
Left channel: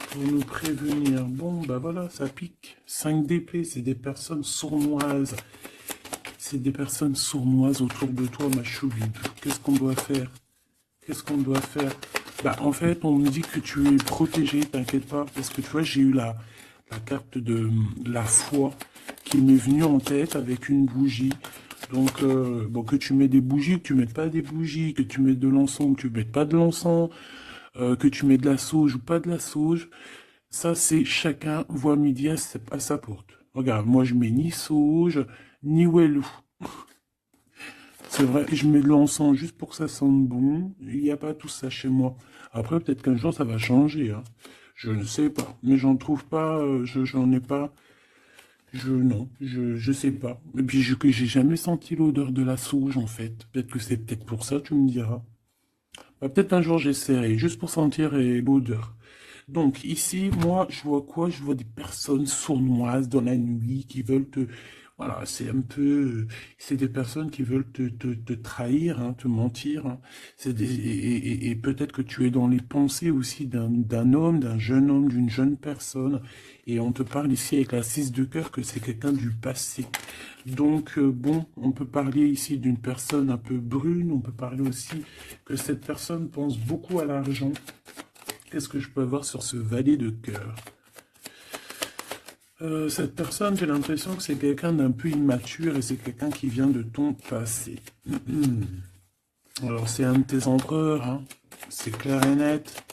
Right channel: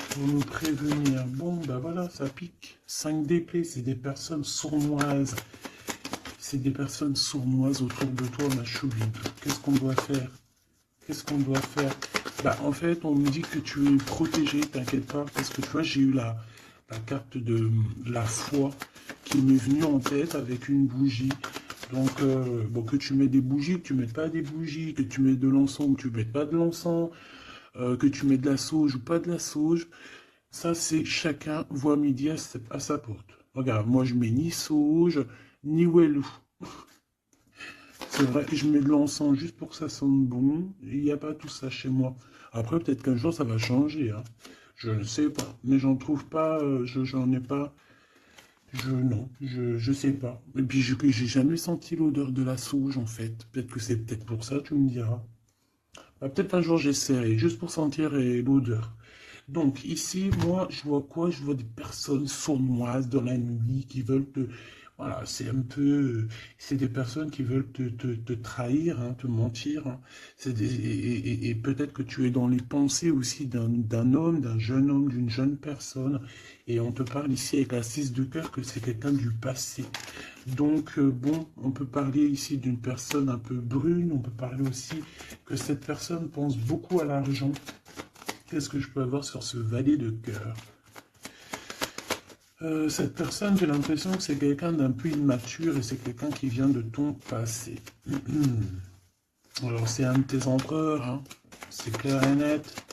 Pour nous prévenir. Bon, ben voilà, ça pique. 5 d'épée, c'est des personnes sournoises. C'est des personnes sournoises autour de toi, ma chouille. Qu'est-ce qu'on doit faire? Qu'est-ce qu'on doit faire? Bah, en fait, on me dit que tu es protégé, t'inquiète pas, parce que tu vois, j'ai eu la carte de la foi qui m'est venue en tête avec une bougie. Donc, bon, que tu mets des bougies, que tu mettes pas des bougies, que tu mets de l'encens, que tu mettes pas de l'encens, que tu mets de la sauge ou pas de la sauge, ça, c'est chacun voit midi à sa porte. Regarde, moi je mets ni sauge, ni wellou. C'est vrai, je mets de l'encens juste pour que ça sente bon. Il n'y a pas tout ça chez moi. Après, peut-être qu'un jour ça va changer, hein. Je ne sais pas. Mais j'en trouve pas, j'en ai pas. Non, je sais pas. Et puis, j'ai jamais senti l'odeur de la sauge, en fait. Peut-être que c'est peut-être pour ça, tu me diras. Bah, peut-être un jour j'essaierai, juste pour sentir l'odeur. Donc ici, moi, je vois quoi? Je vois des personnes sournoises dans la nuit qui veulent te... Voilà, c'est un peu... C'est des personnes qui veulent te trahir, hein, te mentir, hein. Et peut-être que tu es dans les pensées aussi d'un homme, d'un jeune homme, d'une jeune personne. Et on te parle ici avec la 6 de cœur que c'est quelqu'un du passé. Donc, bon, on peut parler ici d'une personne un peu brune. On peut parler aussi que cette personne pense beaucoup à l'argent. Qu'est-ce que je peux avoir sur ce valet de cœur? Cette personne, j'ai l'impression que c'est quelqu'un d'un peu immature et c'est quelqu'un qui vient de ton passé. Alors, c'est un de tes empereurs, hein. C'est clair et net.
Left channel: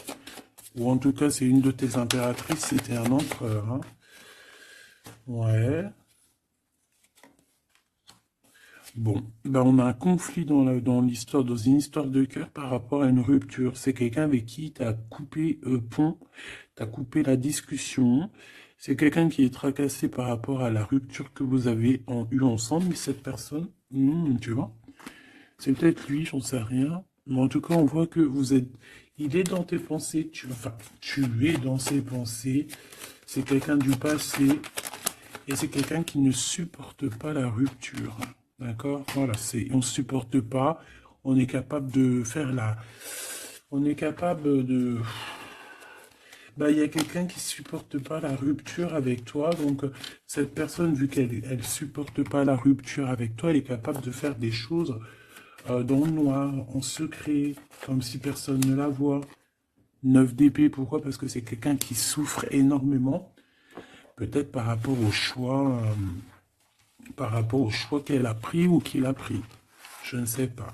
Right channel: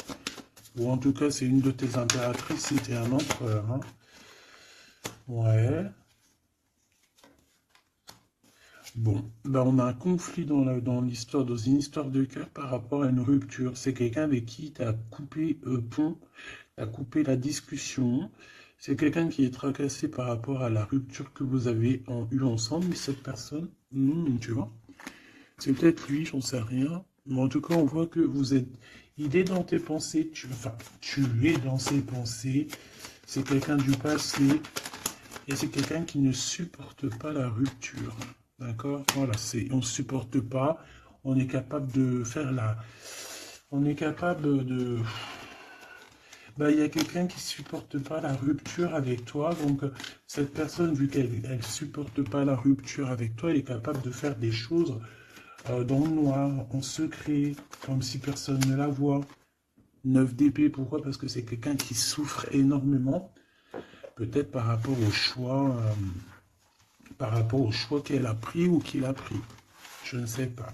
Ou en tout cas, c'est une de tes impératrices, c'était un empereur, hein. Ouais. Bon, ben on a un conflit dans l'histoire, dans une histoire de cœur par rapport à une rupture. C'est quelqu'un avec qui tu as coupé pont, tu as coupé la discussion. C'est quelqu'un qui est tracassé par rapport à la rupture que vous avez eue ensemble. Mais cette personne, tu vois, c'est peut-être lui, j'en sais rien. Mais en tout cas, on voit que vous êtes... Il est dans tes pensées, enfin, tu es dans ses pensées. C'est quelqu'un du passé. Et c'est quelqu'un qui ne supporte pas la rupture. D'accord? Voilà, on ne supporte pas. On est capable de faire la... On est capable de... Bah, il y a quelqu'un qui ne supporte pas la rupture avec toi. Donc, cette personne, vu qu'elle ne supporte pas la rupture avec toi, elle est capable de faire des choses dans le noir, en secret, comme si personne ne la voit. 9 d'épée, pourquoi? Parce que c'est quelqu'un qui souffre énormément. Peut-être par rapport au choix qu'elle a pris ou qu'il a pris. Je ne sais pas.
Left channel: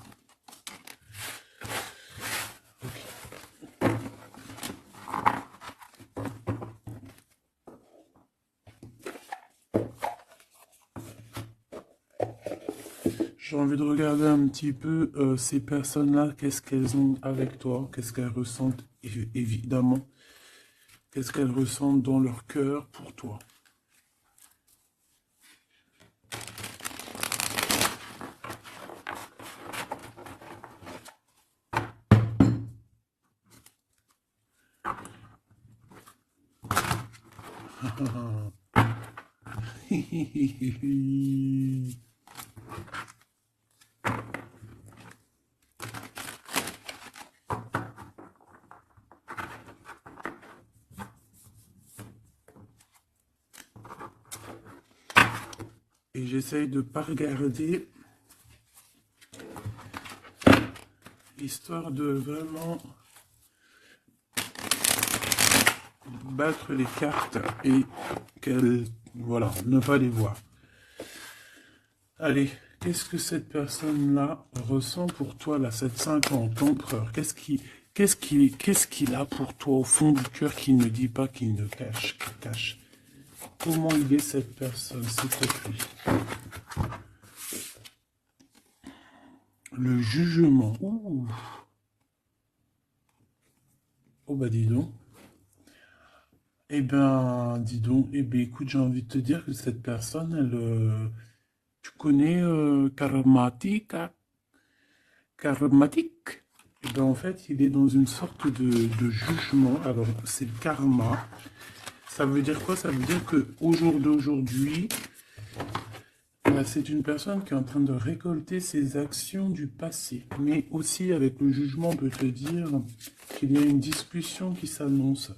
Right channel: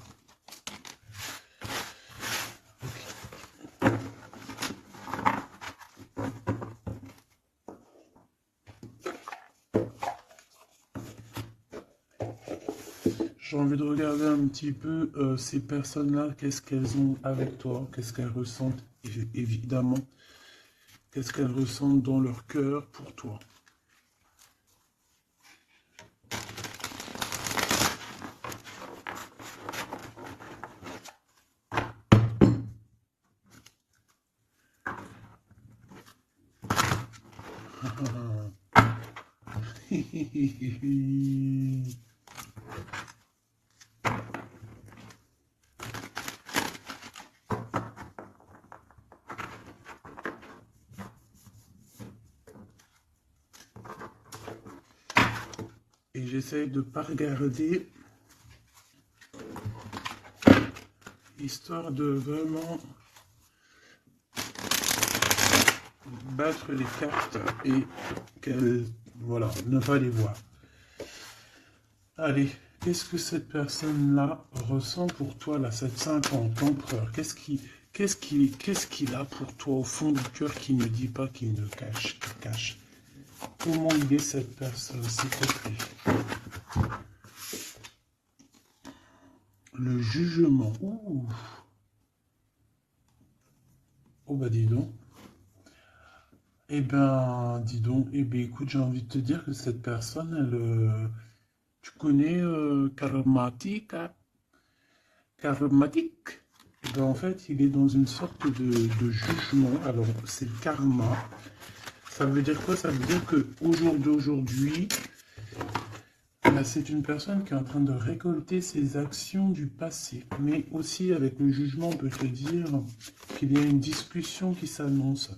J'ai envie de regarder un petit peu ces personnes-là, qu'est-ce qu'elles ont avec toi, qu'est-ce qu'elles ressentent, évidemment, qu'est-ce qu'elles ressentent dans leur cœur pour toi. Et j'essaye de ne pas regarder, histoire de vraiment battre les cartes et qu'elles, voilà, ne pas les voir. Allez, qu'est-ce que cette personne-là ressent pour toi, la 750 empereur? Qu'est-ce qu'il a pour toi au fond du cœur qui ne dit pas, qui ne cache, qui cache? Comment il est cette personne, s'il te plaît? Le jugement. Ouh. Oh bah dis donc. Eh ben, dis donc. Eh bien, écoute, j'ai envie de te dire que cette personne, tu connais karmatique. Eh ben, en fait, il est dans une sorte de jugement. Alors, c'est le karma. Ça veut dire quoi? Ça veut dire qu'au jour d'aujourd'hui, c'est une personne qui est en train de récolter ses actions du passé. Mais aussi, avec le jugement, on peut te dire qu'il y a une discussion qui s'annonce.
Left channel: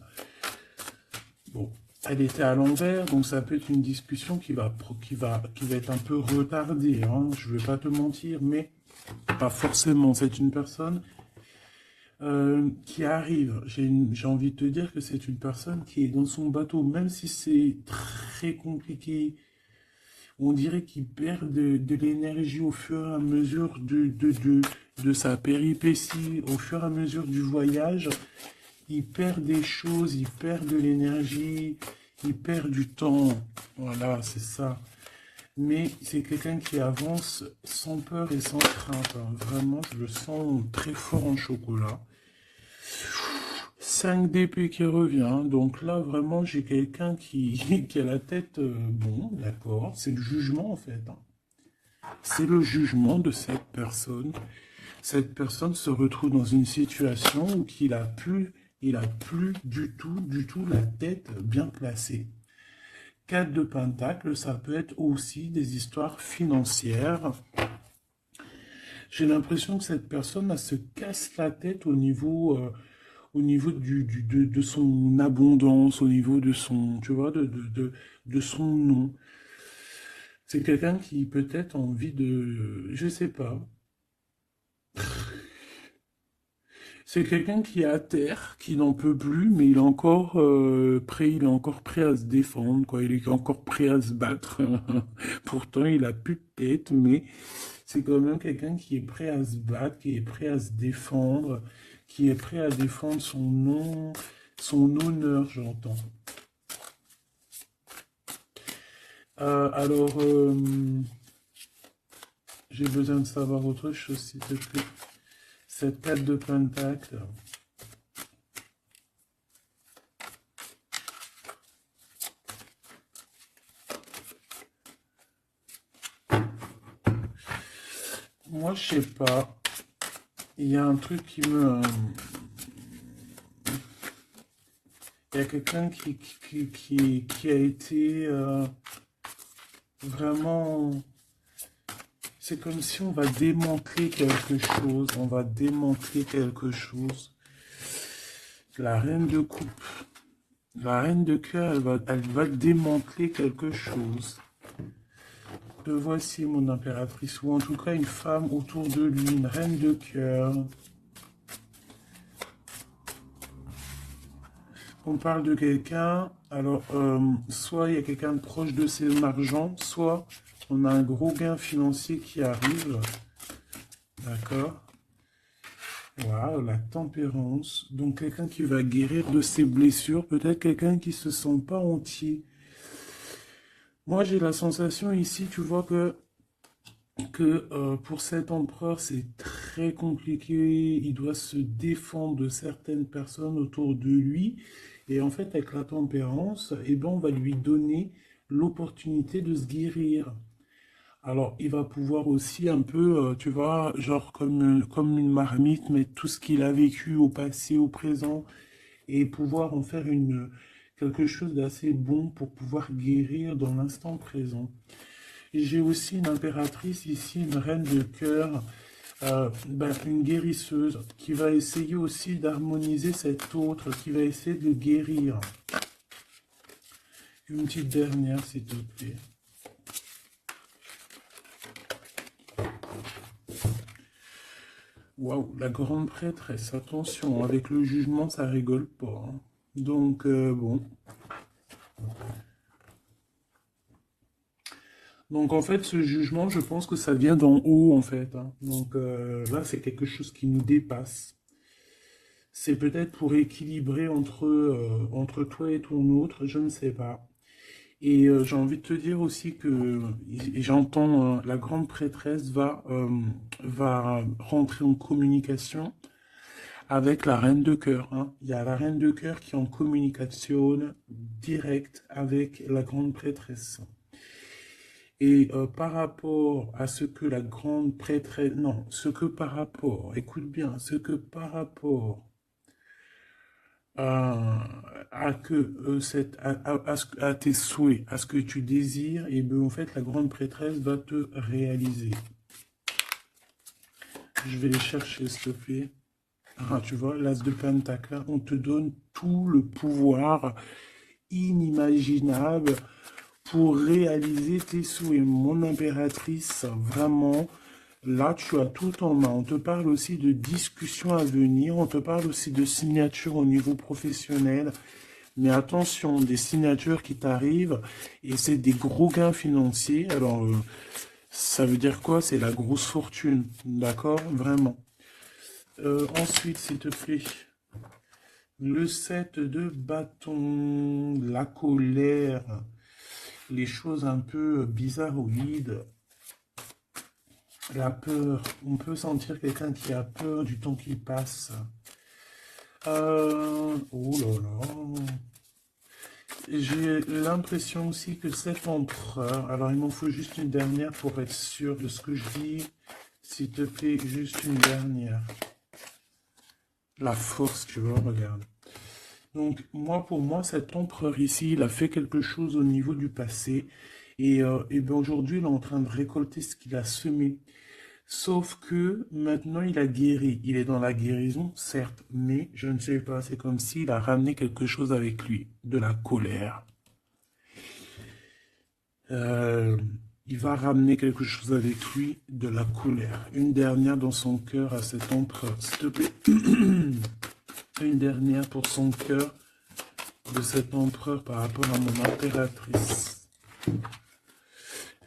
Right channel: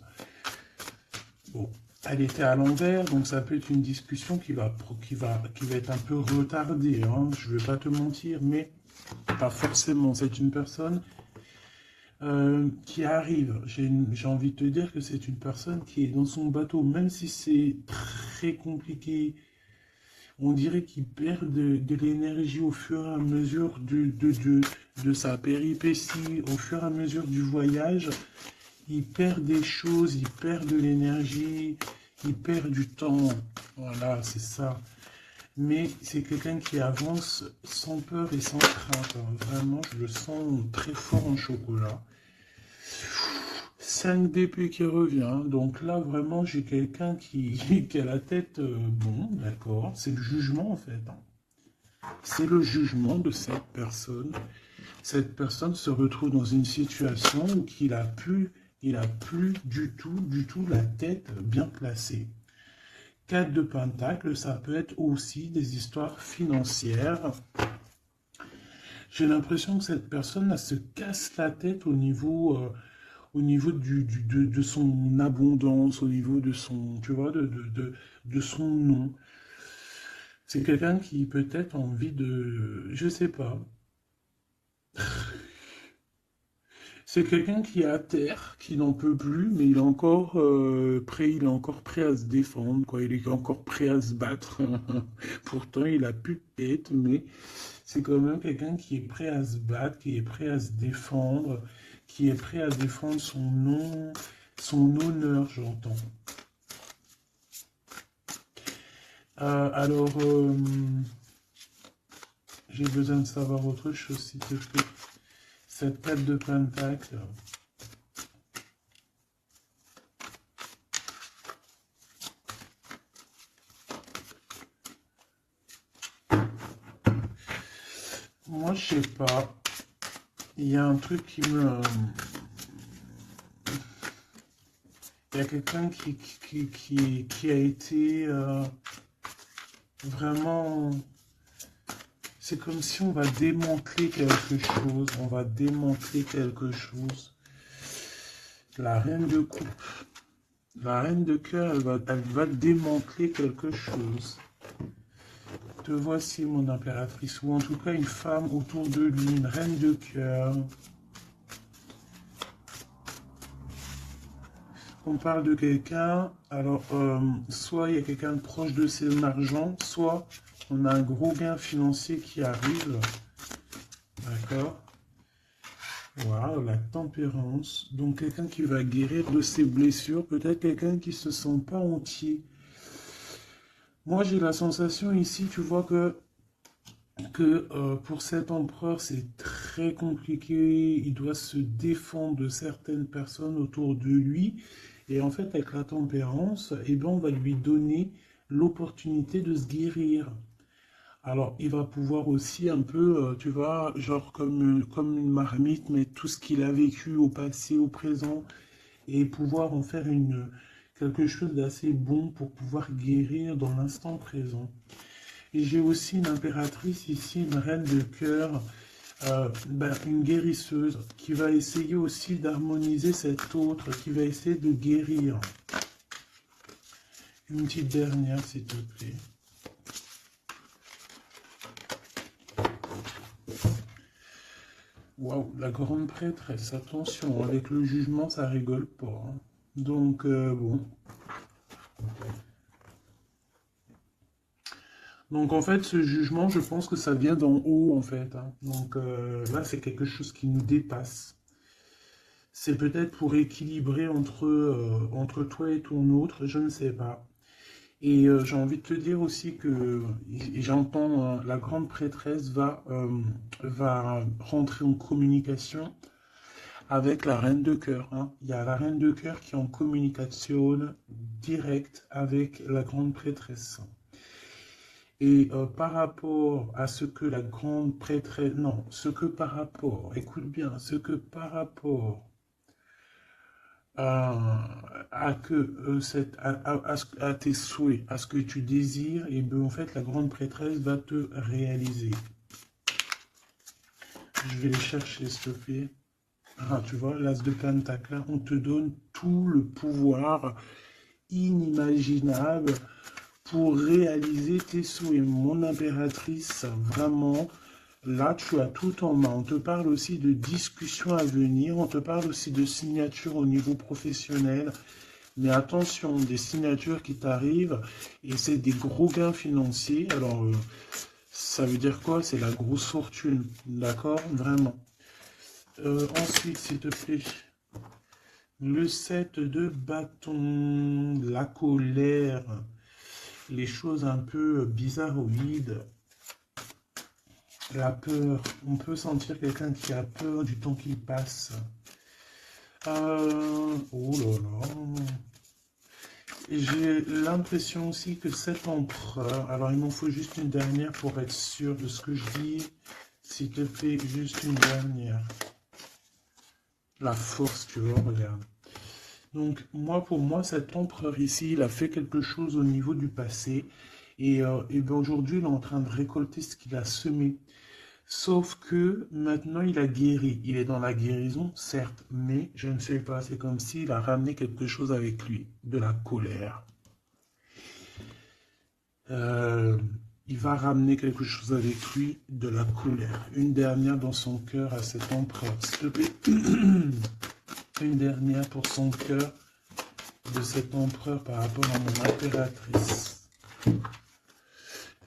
Bon, elle était à l'envers, donc ça peut être une discussion qui va être un peu retardée, hein. Je ne vais pas te mentir, mais pas forcément. C'est une personne qui arrive. J'ai envie de te dire que c'est une personne qui est dans son bateau, même si c'est très compliqué. On dirait qu'il perd de l'énergie au fur et à mesure de sa péripétie, au fur et à mesure du voyage. Il perd des choses, il perd de l'énergie, il perd du temps. Voilà, c'est ça. Mais c'est quelqu'un qui avance sans peur et sans crainte, hein. Vraiment, je le sens très fort en chocolat. 5 d'épée qui revient. Donc là, vraiment, j'ai quelqu'un qui a la tête... bon, d'accord. C'est le jugement, en fait, hein. C'est le jugement de cette personne. Cette personne se retrouve dans une situation où il a plus du tout la tête bien placée. 4 de Pentacle, ça peut être aussi des histoires financières. J'ai l'impression que cette personne, elle se casse la tête au niveau de son abondance, au niveau de son, tu vois, de son nom. C'est quelqu'un qui peut-être a envie de, je sais pas. C'est quelqu'un qui est à terre, qui n'en peut plus, mais il est encore prêt à se défendre, quoi. Il est encore prêt à se battre. Pourtant, il a plus de tête, mais c'est quand même quelqu'un qui est prêt à se battre, qui est prêt à se défendre, qui est prêt à défendre son nom, son honneur, j'entends. Alors, j'ai besoin de savoir autre chose, s'il te plaît. Cette 4 de Pentacle. Moi, je sais pas. Il y a un truc qui me... Il y a quelqu'un qui a été vraiment... C'est comme si on va démanteler quelque chose. On va démanteler quelque chose. La reine de coupe. La reine de cœur, elle va démanteler quelque chose. Te voici, mon impératrice. Ou en tout cas, une femme autour de lui. Une reine de cœur. On parle de quelqu'un. Alors, soit il y a quelqu'un de proche de ses argent, soit on a un gros gain financier qui arrive. D'accord. Waouh, la tempérance. Donc, quelqu'un qui va guérir de ses blessures. Peut-être quelqu'un qui ne se sent pas entier. Moi, j'ai la sensation ici, tu vois, que pour cet empereur, c'est très compliqué. Il doit se défendre de certaines personnes autour de lui. Et en fait, avec la tempérance, eh ben, on va lui donner l'opportunité de se guérir. Alors, il va pouvoir aussi un peu, tu vois, genre comme une marmite, mettre tout ce qu'il a vécu au passé, au présent, et pouvoir en faire quelque chose d'assez bon pour pouvoir guérir dans l'instant présent. Et j'ai aussi une impératrice ici, une reine de cœur, une guérisseuse, qui va essayer aussi d'harmoniser cet autre, qui va essayer de guérir. Une petite dernière, s'il te plaît. Waouh, la grande prêtresse, attention, avec le jugement, ça rigole pas, hein. Donc, bon. Donc, en fait, ce jugement, je pense que ça vient d'en haut, en fait, hein. Donc, là, c'est quelque chose qui nous dépasse. C'est peut-être pour équilibrer entre toi et ton autre, je ne sais pas. Et j'ai envie de te dire aussi que j'entends la grande prêtresse va rentrer en communication avec la reine de cœur, hein. Il y a la reine de cœur qui est en communication directe avec la grande prêtresse. Et par rapport à ce que la grande prêtresse... Non, ce que par rapport... Écoute bien, ce que par rapport à que à tes souhaits, à ce que tu désires, et bien en fait la grande prêtresse va te réaliser. Je vais les chercher, s'il te plaît. Ah, tu vois, l'as de Pentacle, on te donne tout le pouvoir inimaginable pour réaliser tes souhaits. Mon impératrice, vraiment, là, tu as tout en main. On te parle aussi de discussions à venir, on te parle aussi de signatures au niveau professionnel. Mais attention, des signatures qui t'arrivent, et c'est des gros gains financiers. Alors, ça veut dire quoi? C'est la grosse fortune, d'accord? Vraiment. Ensuite, s'il te plaît, Le 7 de bâton, la colère, les choses un peu bizarroïdes, la peur. On peut sentir quelqu'un qui a peur du temps qui passe. Oh là là. J'ai l'impression aussi que cet empereur, alors il m'en faut juste une dernière pour être sûr de ce que je dis. S'il te plaît, juste une dernière. La force, tu vois, regarde. Donc, pour moi, cet empereur ici, il a fait quelque chose au niveau du passé. Et ben aujourd'hui, il est en train de récolter ce qu'il a semé. Sauf que maintenant, il a guéri. Il est dans la guérison, certes, mais je ne sais pas, c'est comme s'il a ramené quelque chose avec lui, de la colère. Euh, il va ramener quelque chose avec lui, de la colère. Une dernière dans son cœur à cet empereur, s'il te plaît. Une dernière pour son cœur de cet empereur par rapport à mon impératrice.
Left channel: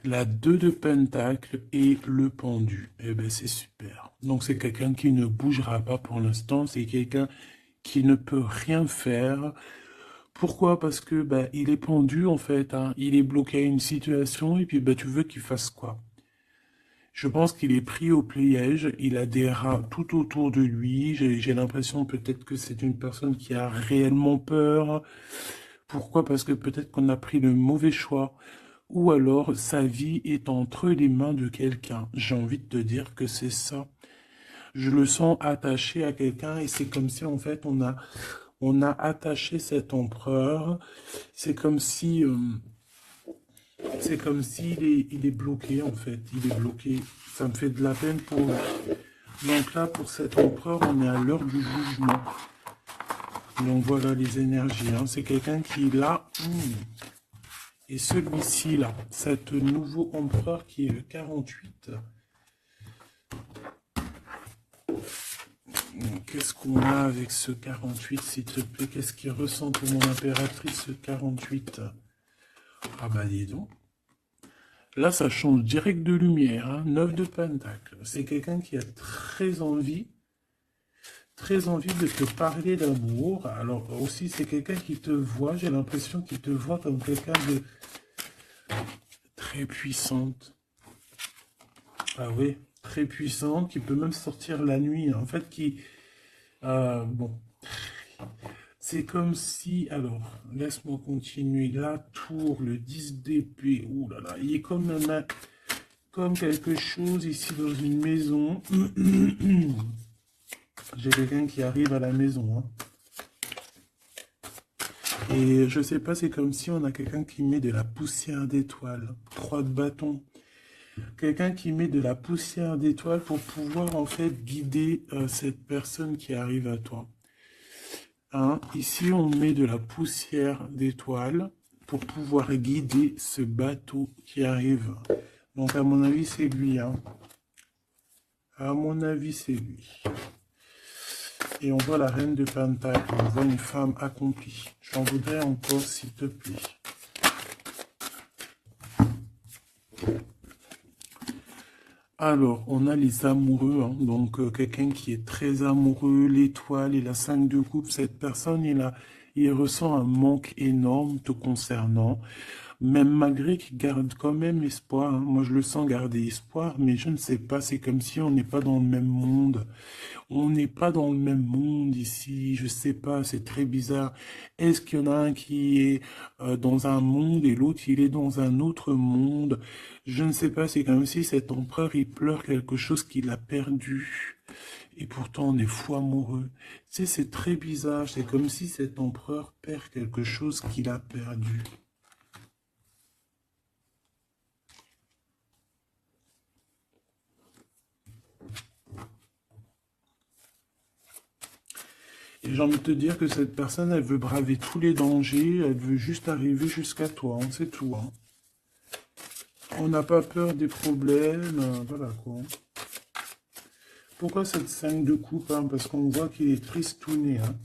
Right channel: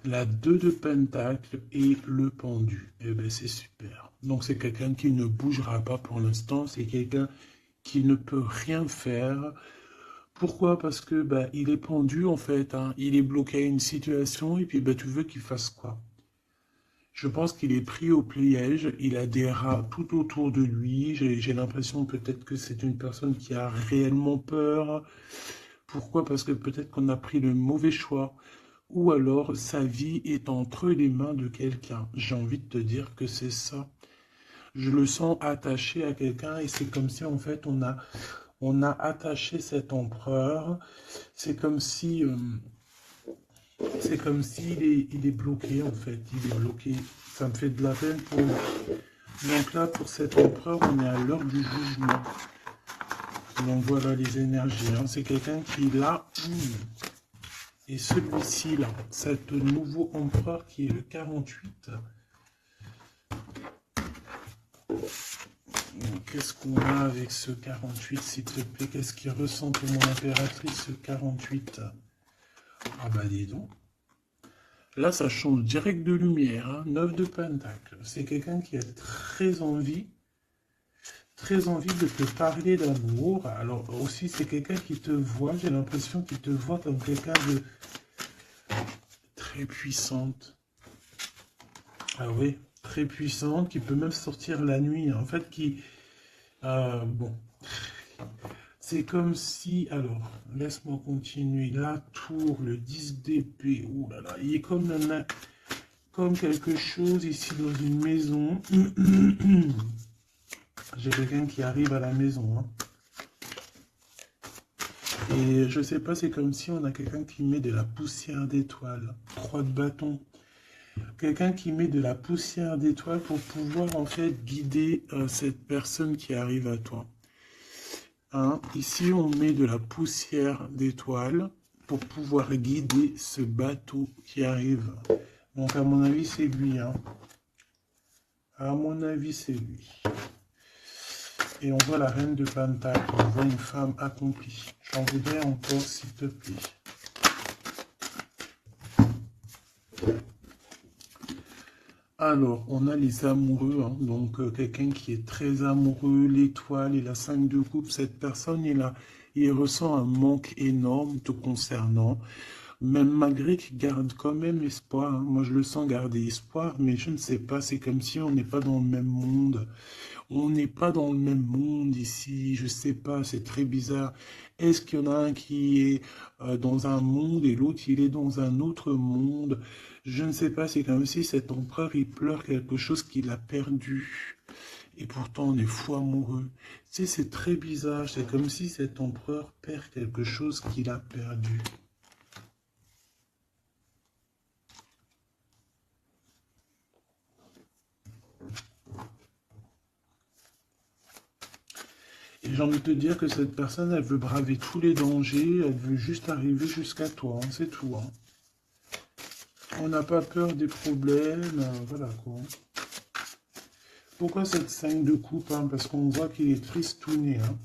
La 2 de pentacle et le pendu. Eh ben c'est super. Donc c'est quelqu'un qui ne bougera pas pour l'instant. C'est quelqu'un qui ne peut rien faire. Pourquoi? Parce que bah, il est pendu en fait. Hein. Il est bloqué à une situation et puis bah, tu veux qu'il fasse quoi? Je pense qu'il est pris au piège. Il a des rats tout autour de lui. J'ai l'impression peut-être que c'est une personne qui a réellement peur. Pourquoi? Parce que peut-être qu'on a pris le mauvais choix. Ou alors sa vie est entre les mains de quelqu'un. J'ai envie de te dire que c'est ça. Je le sens attaché à quelqu'un et c'est comme si en fait on a attaché cet empereur. C'est comme si il est bloqué en fait. Il est bloqué. Ça me fait de la peine pour lui. Donc là pour cet empereur on est à l'heure du jugement. Donc voilà les énergies. Hein. C'est quelqu'un qui est là. Et celui-ci là, cet nouveau empereur qui est le 48. Qu'est-ce qu'on a avec ce 48, s'il te plaît? Qu'est-ce qu'il ressent pour mon impératrice, ce 48? Ah bah dis donc. Là, ça change direct de lumière. Hein. 9 de pentacle. C'est quelqu'un qui a très envie de te parler d'amour. Alors aussi, c'est quelqu'un qui te voit. J'ai l'impression qu'il te voit comme quelqu'un de très puissante. Ah oui, très puissante, qui peut même sortir la nuit. En fait, bon. C'est comme si, alors, laisse-moi continuer. La tour, le 10 d'épée, ouh là là, il est comme quelque chose ici dans une maison. J'ai quelqu'un qui arrive à la maison. Hein. Et je sais pas, c'est comme si on a quelqu'un qui met de la poussière d'étoiles. 3 de bâton. Quelqu'un qui met de la poussière d'étoiles pour pouvoir en fait guider cette personne qui arrive à toi. Hein, ici, on met de la poussière d'étoiles pour pouvoir guider ce bateau qui arrive. Donc, à mon avis, c'est lui. Hein. À mon avis, c'est lui. Et on voit la reine de Pentacle. On voit une femme accomplie. J'en voudrais encore, s'il te plaît. Alors, on a les amoureux, hein. Donc quelqu'un qui est très amoureux, l'étoile, il a 5 de coupe, cette personne, il ressent un manque énorme te concernant, même malgré qu'il garde quand même espoir, hein. Moi, je le sens garder espoir, mais je ne sais pas, c'est comme si on n'est pas dans le même monde. On n'est pas dans le même monde ici, je sais pas, c'est très bizarre. Est-ce qu'il y en a un qui est dans un monde et l'autre il est dans un autre monde? Je ne sais pas, c'est comme si cet empereur il pleure quelque chose qu'il a perdu. Et pourtant on est fou amoureux. Tu sais, c'est très bizarre, c'est comme si cet empereur perd quelque chose qu'il a perdu. Et j'ai envie de te dire que cette personne, elle veut braver tous les dangers, elle veut juste arriver jusqu'à toi, hein, c'est tout. Hein. On n'a pas peur des problèmes, voilà quoi. Pourquoi cette 5 de coupe? Hein? Parce qu'on voit qu'il est tristouné. Hein?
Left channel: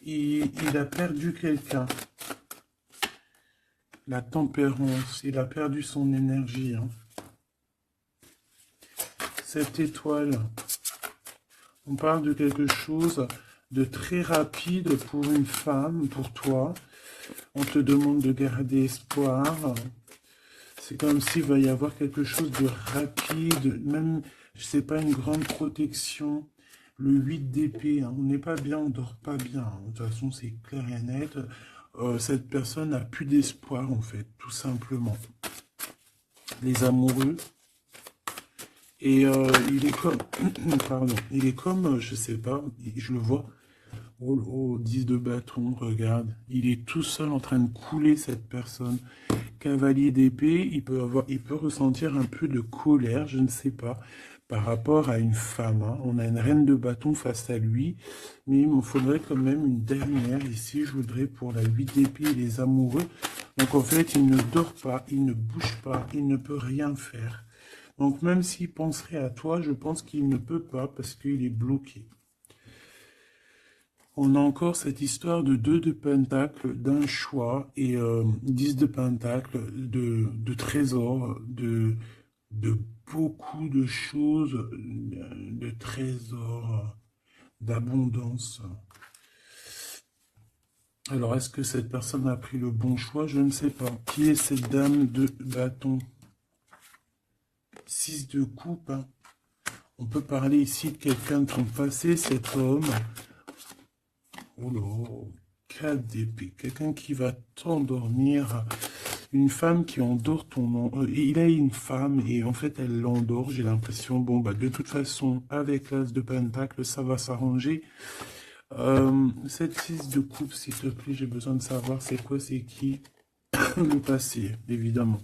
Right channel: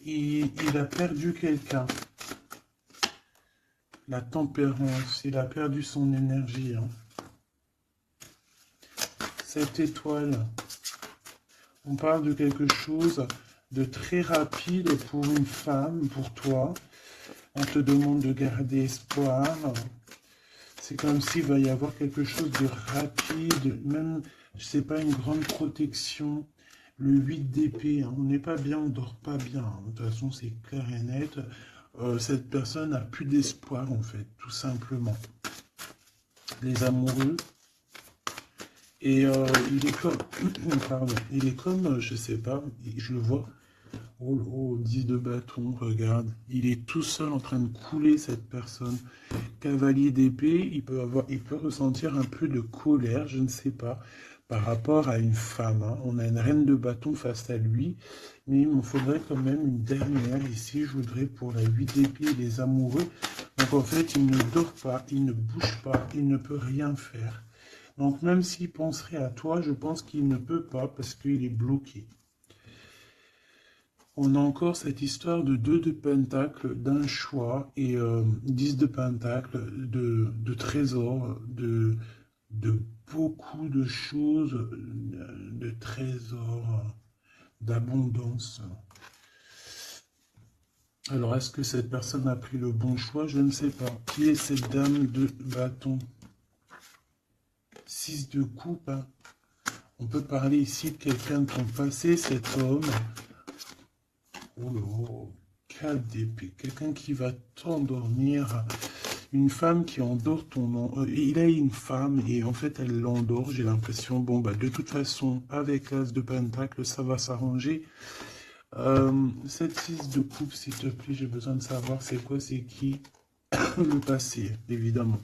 Il a perdu quelqu'un. La tempérance, il a perdu son énergie. Hein? Cette étoile, On parle de quelque chose de très rapide pour une femme, pour toi. On te demande de garder espoir. C'est comme s'il va y avoir quelque chose de rapide, même, je sais pas, une grande protection. Le 8 d'épée, hein, on n'est pas bien, on dort pas bien, hein. De toute façon, c'est clair et net. Cette personne n'a plus d'espoir, en fait, tout simplement. Les amoureux. Et il est comme, pardon, il est comme, je sais pas, je le vois, au 10 de bâton, regarde, il est tout seul en train de couler cette personne. Cavalier d'épée, il peut ressentir un peu de colère, je ne sais pas, par rapport à une femme, hein. On a une reine de bâton face à lui, mais il me faudrait quand même une dernière ici, je voudrais pour la 8 d'épée et les amoureux. Donc en fait, il ne dort pas, il ne bouge pas, il ne peut rien faire. Donc même s'il penserait à toi, je pense qu'il ne peut pas parce qu'il est bloqué. On a encore cette histoire de 2 de pentacle, d'un choix, et 10 de pentacle, de trésors, de beaucoup de choses, de trésors, d'abondance. Alors, est-ce que cette personne a pris le bon choix? Je ne sais pas. Qui est cette dame de bâton? 6 de coupe, hein. On peut parler ici de quelqu'un de ton passé, cet homme. Oh là, 4 d'épée, quelqu'un qui va t'endormir, une femme qui endort il a une femme et en fait elle l'endort, j'ai l'impression, bon bah de toute façon avec l'as de pentacle ça va s'arranger. Cette 6 de coupe s'il te plaît, j'ai besoin de savoir c'est quoi, c'est qui, le passé évidemment.